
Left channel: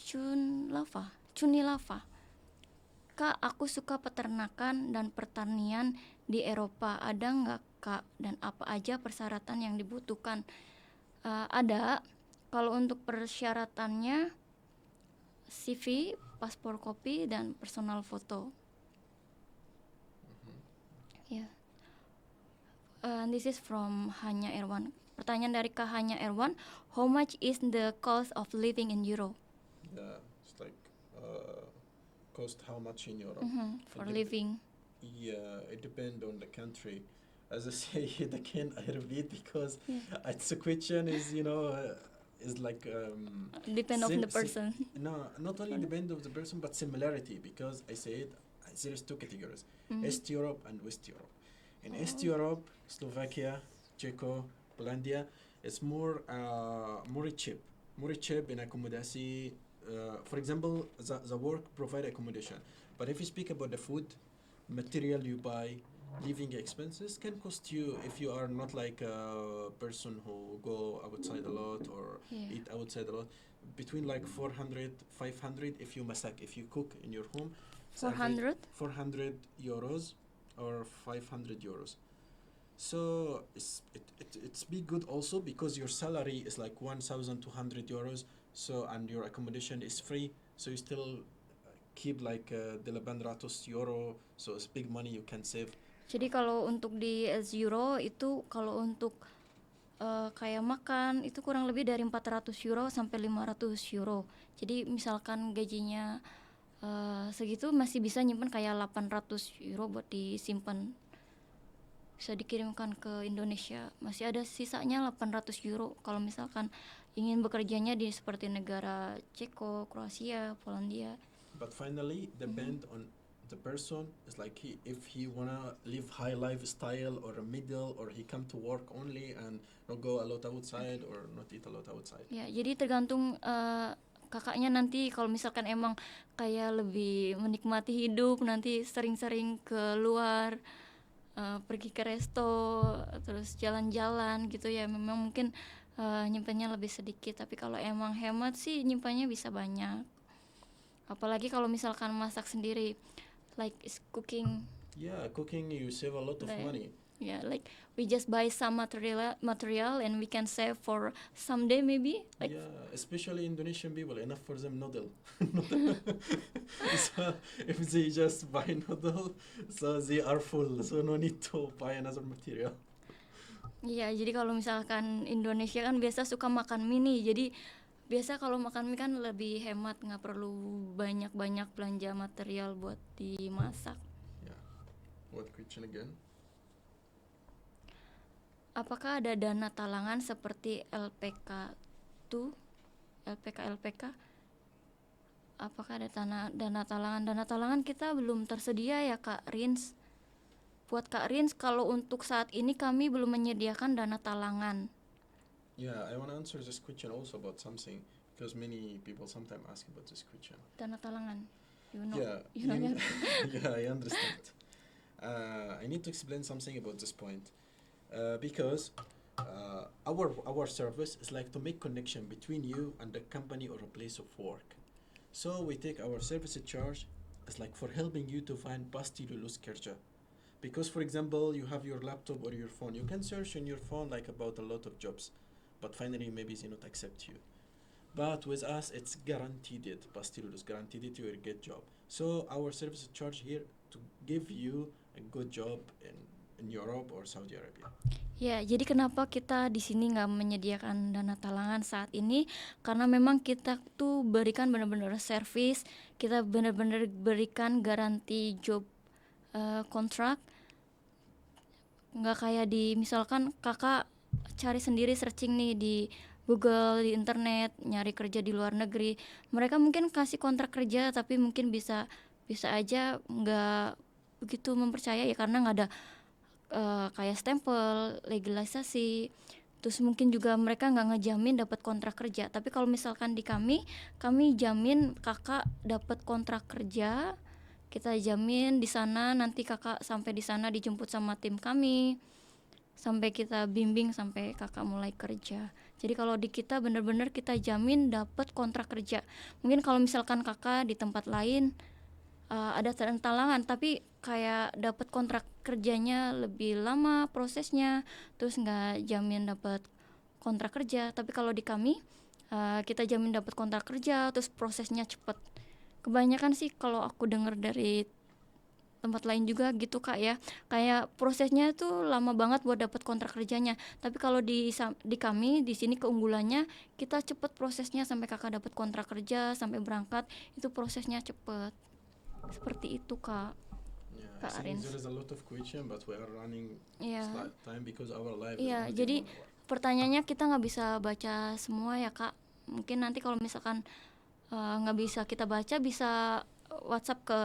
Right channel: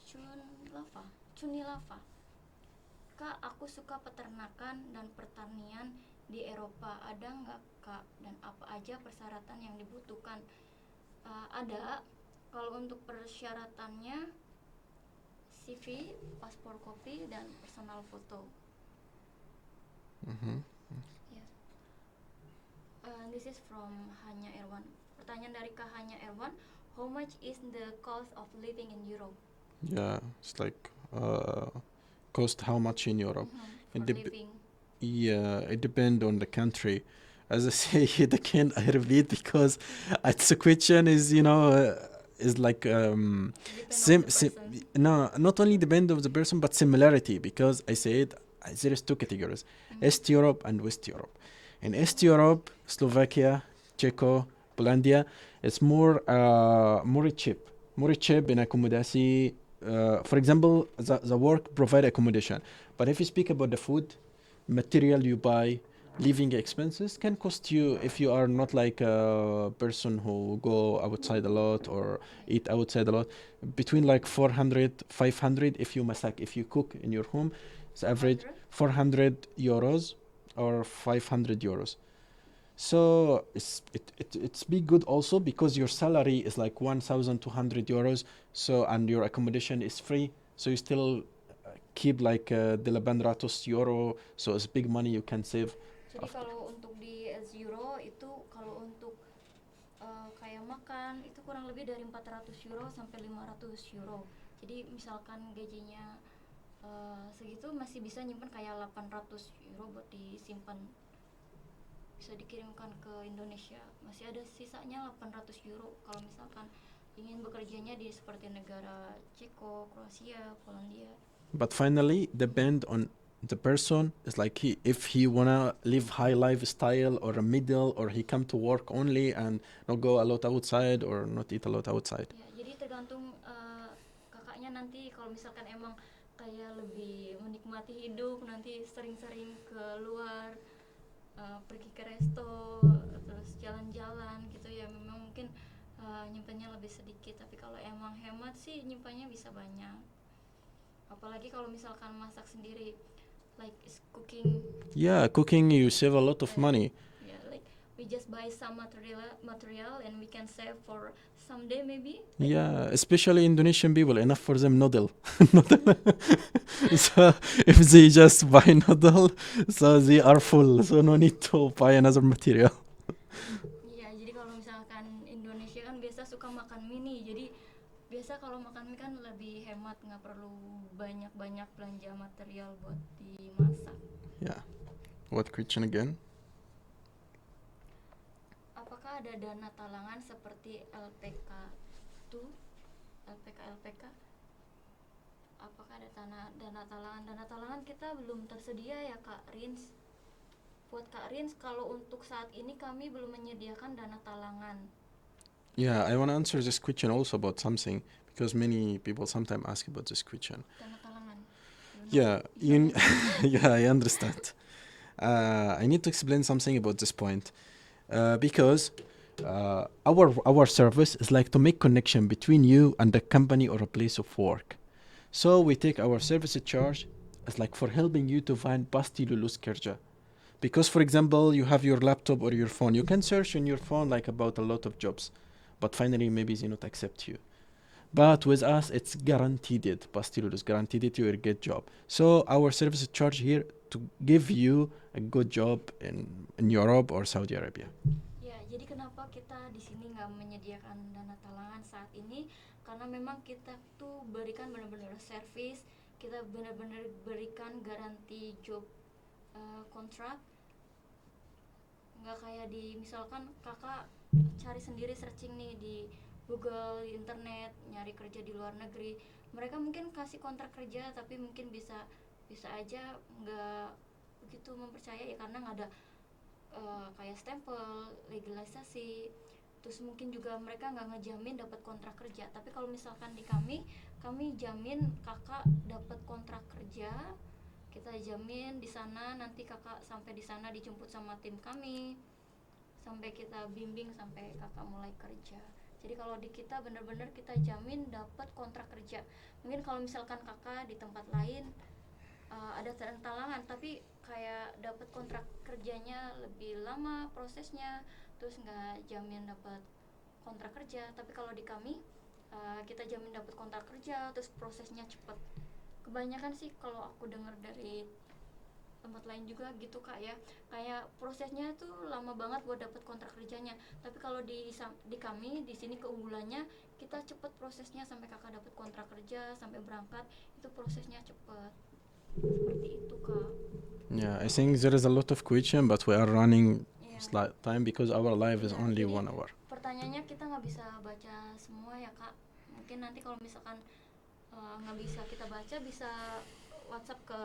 Cunilava. Kak, aku suka peternakan dan pertanian di Eropa. Ada nggak Kak? Dan apa aja persyaratan yang dibutuhkan? Ada. Kalau untuk persyaratannya CV, paspor kopi, dan personal foto. Ya. This is from Hanya Erwan. Pertanyaan dari Kak Hanya Erwan. How much is the cost of living in Europe? Yeah, it's like cost how much in Europe. For It dep- living. Yeah, it depends on the country. As I say, again, I repeat because it's a question is is like Depend on sim- the sim- person. no, not only depend of the person but similarity because I said there is two categories: East Europe and West Europe. In East Europe, Slovakia, Czechia, Polandia, it's more more cheap in accommodation. For example, the work provide accommodation, but if you speak about the food, material you buy, living expenses can cost you if you are not like a person who go outside a lot or Yeah. eat outside a lot, between like 400 500 if you masak, if you cook in your home, it's average 400? 400 euros or 500 euros. So it's be good also because your salary is like 1,200 euros. So and your accommodation is free. So you still keep like 800 euro. So it's big money you can save. Jadi kalau untuk di Euro itu kalau untuk kayak makan itu kurang lebih dari 400 euro sampai 500 euro. Jadi misalkan gajinya segitu masih bisa nyimpen kayak 800 euro buat disimpan. Bisa dikirimkan ke Indonesia. Masih ada sisanya 800 euro kalau misalkan ingin bekerjanya di seperti negara Ceko, Kroasia, Polandia. But finally, depend on the person. It's like if he wanna live high lifestyle or a middle, or he come to work only and not go a lot outside or not eat a lot outside. Ya, jadi tergantung kakaknya nanti kalau misalkan emang kayak lebih menikmati hidup, nanti sering-sering keluar, pergi ke resto, terus jalan-jalan gitu ya, memang mungkin nyimpannya lebih sedikit. Tapi kalau emang hemat sih nyimpannya bisa banyak. Apalagi kalau misalkan masak sendiri, like cooking. Yeah, cooking you save a lot of money. Yeah, like we just buy some material and we can save for someday maybe. Like, Yeah, especially Indonesian people, enough for them noodle. Noodle. So if they just buy noodle, so they are full, so no need to buy another material. iya, jadi kalau misalkan Indonesia kan biasa suka makan mie nih, jadi biasa kalau makan mie kan lebih hemat, nggak perlu banyak-banyak belanja material buat dimasak. Yeah. What question again? Apakah ada dana talangan seperti LPK tuh, LPK? Apakah ada dana talangan? Dana talangan kita belum tersedia ya Kak Rins. Buat Kak Rins, kalau untuk saat ini kami belum menyediakan dana talangan. Yeah, I want to answer this question also about something because many people sometimes ask about this question. Dana talangan. Yeah, yeah, I understand. I need to explain something about this point because our service is like to make connection between you and the company or a place of work. So we take our service charge as like for helping you to find pasti lulus kerja. Because for example, you have your laptop or your phone, you can search on your phone like about a lot of jobs, but finally maybe they not accept you. But with us, it's guaranteed it. Pasti lulus, guaranteed it you will get job. So our service charge here to give you a good job in Europe or Saudi Arabia. Ya, jadi kenapa kita di sini nggak menyediakan dana talangan saat ini? Karena memang kita tuh berikan benar-benar service, kita benar-benar berikan garansi job kontrak. Nggak kayak di misalkan kakak cari sendiri searching nih di Google, di internet, nyari kerja di luar negeri. Mereka mungkin kasih kontrak kerja tapi mungkin bisa aja nggak begitu mempercayai ya, karena nggak ada kayak stempel, legalisasi. Terus mungkin juga mereka nggak ngejamin dapat kontrak kerja. Tapi kalau misalkan di kami jamin kakak dapat kontrak kerja. Kita jamin di sana nanti kakak sampai di sana dijemput sama tim kami. Sampai kita bimbing sampai kakak mulai kerja. Jadi kalau di kita benar-benar kita jamin dapat kontrak kerja. Mungkin kalau misalkan kakak di tempat lain ada talangan tapi kayak dapat kontrak kerjanya lebih lama prosesnya, terus nggak jamin dapat kontrak kerja. Tapi kalau di kami kita jamin dapat kontrak kerja, terus prosesnya cepet. Kebanyakan sih kalau aku dengar dari tempat lain juga gitu Kak ya, kayak prosesnya tuh lama banget buat dapat kontrak kerjanya. Tapi kalau di kami di sini keunggulannya kita cepet prosesnya, sampai kakak dapat kontrak kerja sampai berangkat itu prosesnya cepet. Seperti itu Kak. Yeah, I think there is a lot of question, but we are running Yeah. time because our live is Yeah, only jadi 1 hour. pertanyaannya kita nggak bisa baca semua ya Kak. Mungkin nanti kalau misalkan nggak bisa kita baca, bisa WhatsApp ke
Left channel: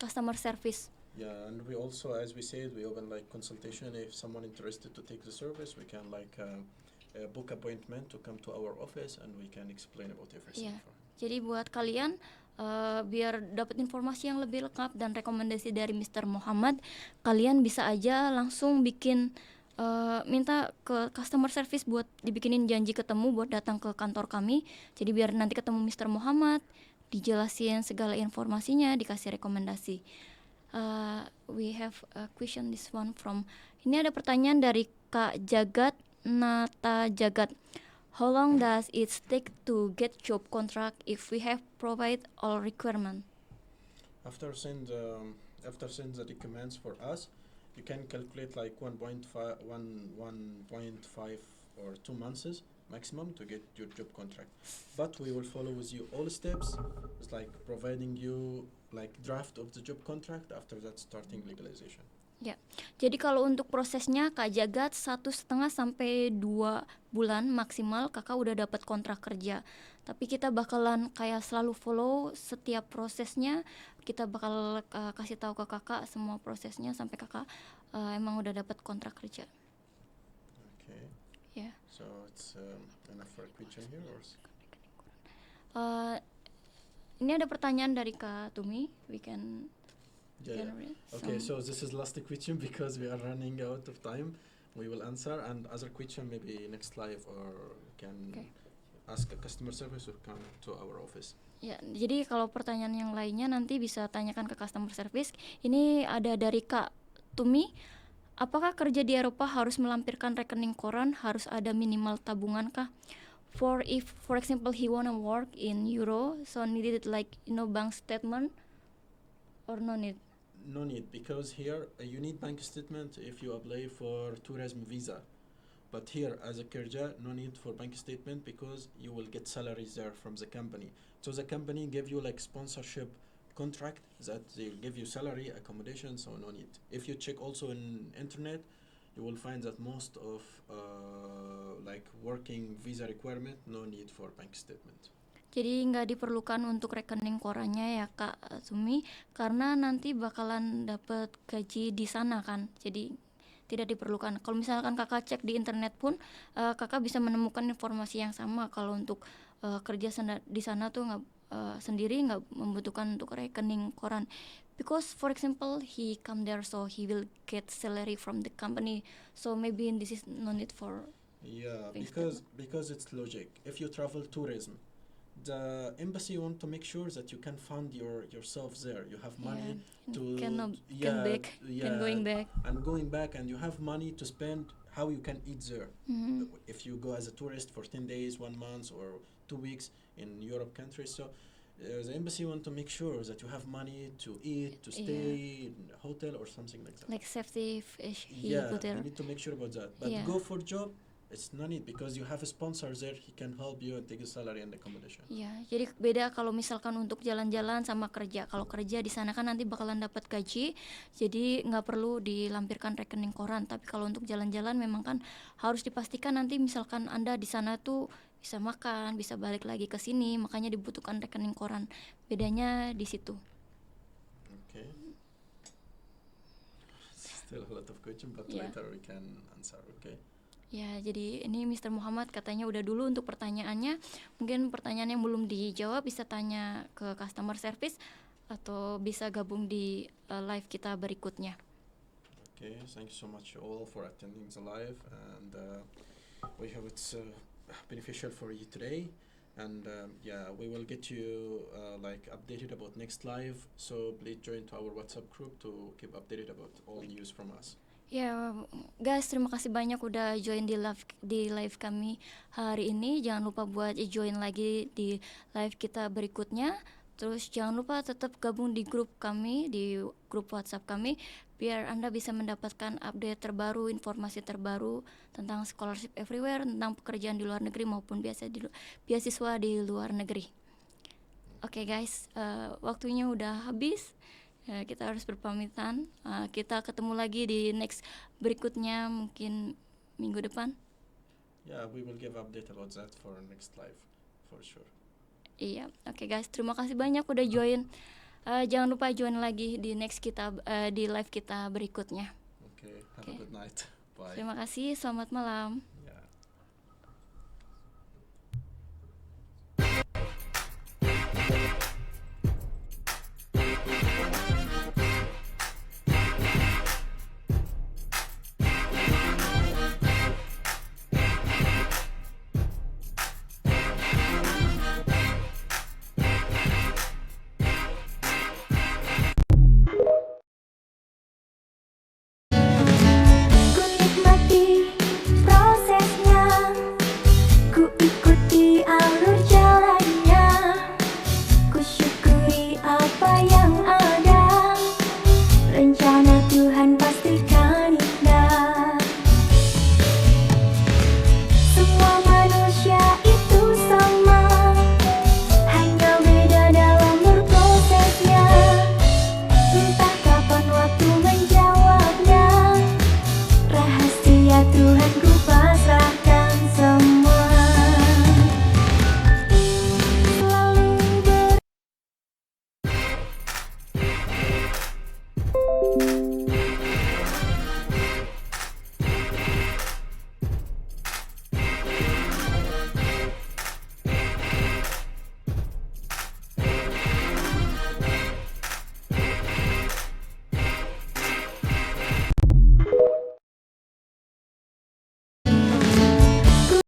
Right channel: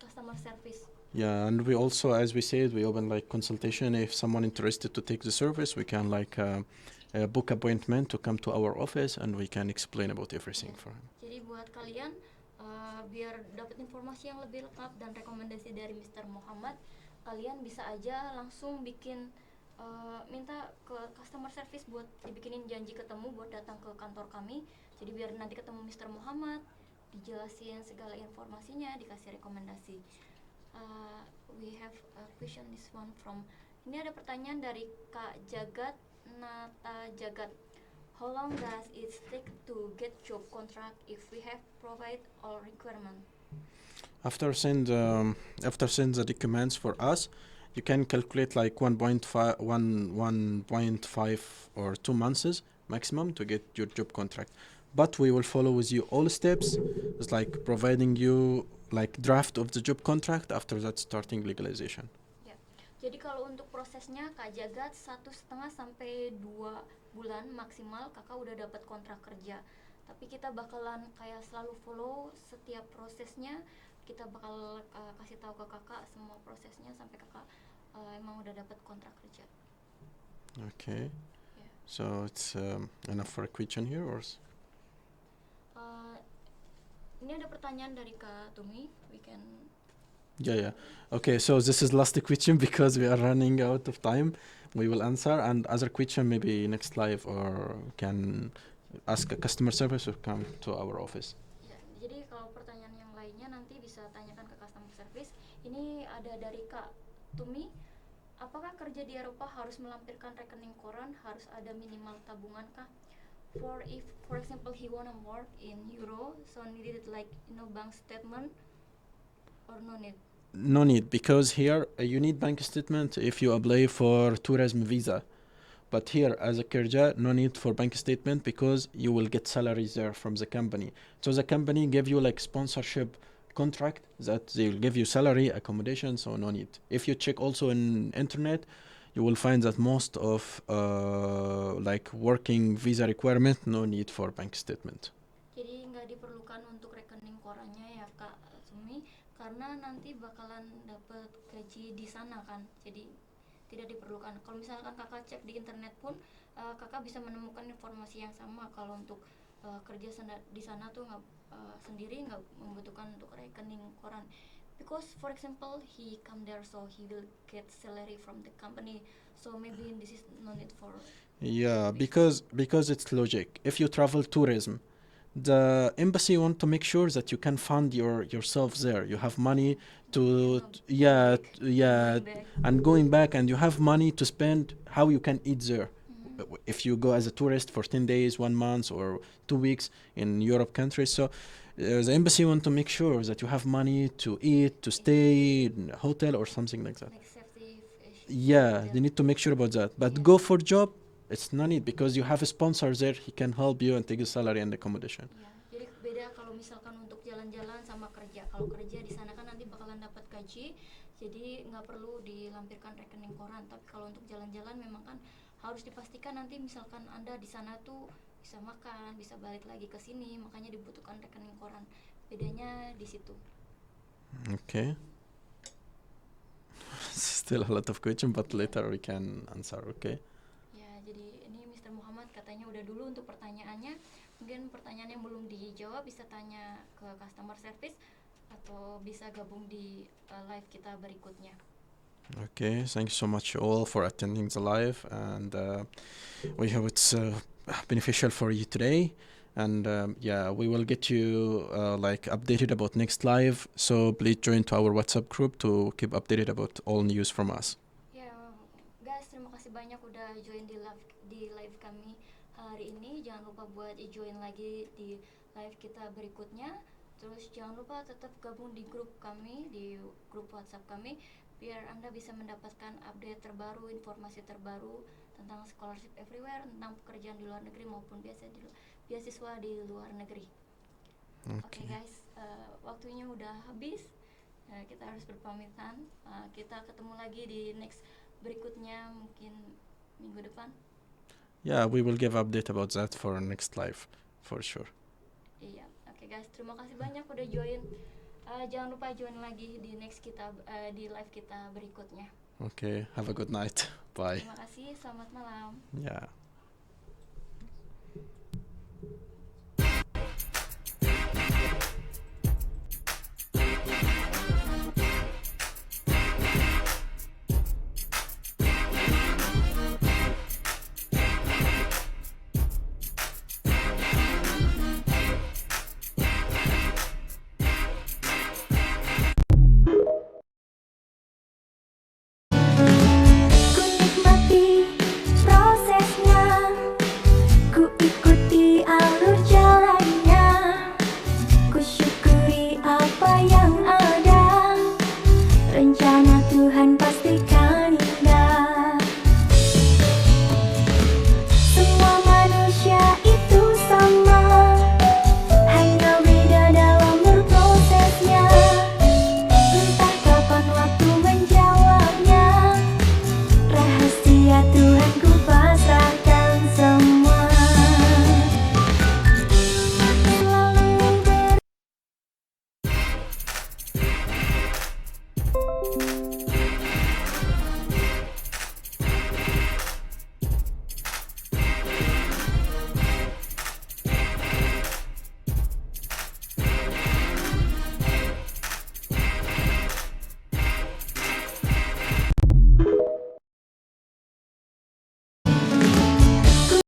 customer service. Yeah, and we also, as we said, we open like consultation. If someone interested to take the service, we can like book appointment to come to our office, and we can explain about everything Yeah. for him. Jadi buat kalian biar dapat informasi yang lebih lengkap dan rekomendasi dari Mr. Muhammad, kalian bisa aja langsung bikin minta ke customer service buat dibikinin janji ketemu buat datang ke kantor kami. Jadi biar nanti ketemu Mr. Muhammad, dijelasin segala informasinya, dikasih rekomendasi. We have a question, this one from, ini ada pertanyaan dari Kak Jagat Nata Jagat. How long does it take to get job contract if we have provide all requirement? After send the documents for us, you can calculate like 1.5 or 2 months maximum to get your job contract. But we will follow with you all steps. It's like providing you like draft of the job contract, after that starting legalization. Ya, jadi kalau untuk prosesnya Kak Jagat 1,5 sampai 2 bulan maksimal kakak udah dapat kontrak kerja. Tapi kita bakalan kayak selalu follow setiap prosesnya. Kita bakal kasih tahu ke kakak semua prosesnya sampai kakak emang udah dapat kontrak kerja. Okay. Yeah. So it's enough for a question here, or? Ini ada pertanyaan dari Kak Tumi. We can. Yeah. Okay, so this is last question because we are running out of time. We will answer, and other question maybe next live, or can ask a customer service or come to our office. Ya, jadi kalau pertanyaan yang lainnya nanti bisa tanyakan ke customer service. Ini ada dari Kak Tumi. Apakah kerja di Eropa harus melampirkan rekening koran? Harus ada minimal tabungan kah? For example he wanna work in Euro, so needed like bank statement or no need? No need, because here you need bank statement if you apply for tourism visa. But here, as a Kerja, no need for bank statement because you will get salaries there from the company. So the company give you like sponsorship contract that they will give you salary, accommodation, so no need. If you check also in internet, you will find that most of like working visa requirement, no need for bank statement. Jadi nggak diperlukan untuk rekening korannya ya Kak Sumi, karena nanti bakalan dapet gaji di sana kan. Jadi tidak diperlukan. Kalau misalkan kakak cek di internet pun, kakak bisa menemukan informasi yang sama. Kalau untuk kerja di sana tuh sendiri nggak membutuhkan untuk rekening koran. Because for example he come there so he will get salary from the company. So maybe this is no need for. Yeah, because it's logic. If you travel tourism, the embassy want to make sure that you can fund yourself there. You have money to going back, and you have money to spend how you can eat there. If you go as a tourist for 10 days, 1 month, or 2 weeks in Europe countries, so the embassy want to make sure that you have money to eat, to stay in a hotel or something like that. Like safety issue. Yeah, they need to make sure about that. But go for job, it's no need because you have a sponsor there. He can help you and take the salary and accommodation. Ya, jadi beda kalau misalkan untuk jalan-jalan sama kerja. Kalau kerja di sana kan nanti bakalan dapat gaji, jadi nggak perlu dilampirkan rekening koran. Tapi kalau untuk jalan-jalan memang kan harus dipastikan nanti misalkan Anda di sana tuh bisa makan, bisa balik lagi ke sini, makanya dibutuhkan rekening koran. Bedanya di situ. Okay. Still a lot of question, but later we can answer. Okay. Ya, jadi ini Mr. Muhammad katanya udah dulu untuk pertanyaannya. Mungkin pertanyaan yang belum dijawab bisa tanya ke customer service atau bisa gabung di live kita berikutnya. Okay, thank you so much all for attending the live, and we hope it's beneficial for you today. And we will get you like updated about next live. So please join to our WhatsApp group to keep updated about all news from us. Ya, guys, terima kasih banyak udah join di live kami hari ini. Jangan lupa buat join lagi di live kita berikutnya. Terus jangan lupa tetap gabung di grup kami, di grup WhatsApp kami, biar Anda bisa mendapatkan update terbaru, informasi terbaru tentang scholarship everywhere, tentang pekerjaan di luar negeri maupun beasiswa di luar negeri. Oke, guys, waktunya udah habis. Kita harus berpamitan. Kita ketemu lagi di next berikutnya, mungkin minggu depan. Yeah, we will give update about that for next live for sure. Iya, oke guys, terima kasih banyak udah join. Jangan lupa join lagi di next di live kita berikutnya. Okay, have a good night. Bye. Terima kasih, selamat malam. Yeah. Ku nikmati prosesnya, ku ikuti alur jalannya, ku syukuri apa yang ada. Rencana Tuhan pastikan indah. Semua manusia itu sama, hanya beda dalam berprosesnya. Entah kapan waktu menjawabnya. Rahasia Tuhan ku pasrahkan semua. Selalu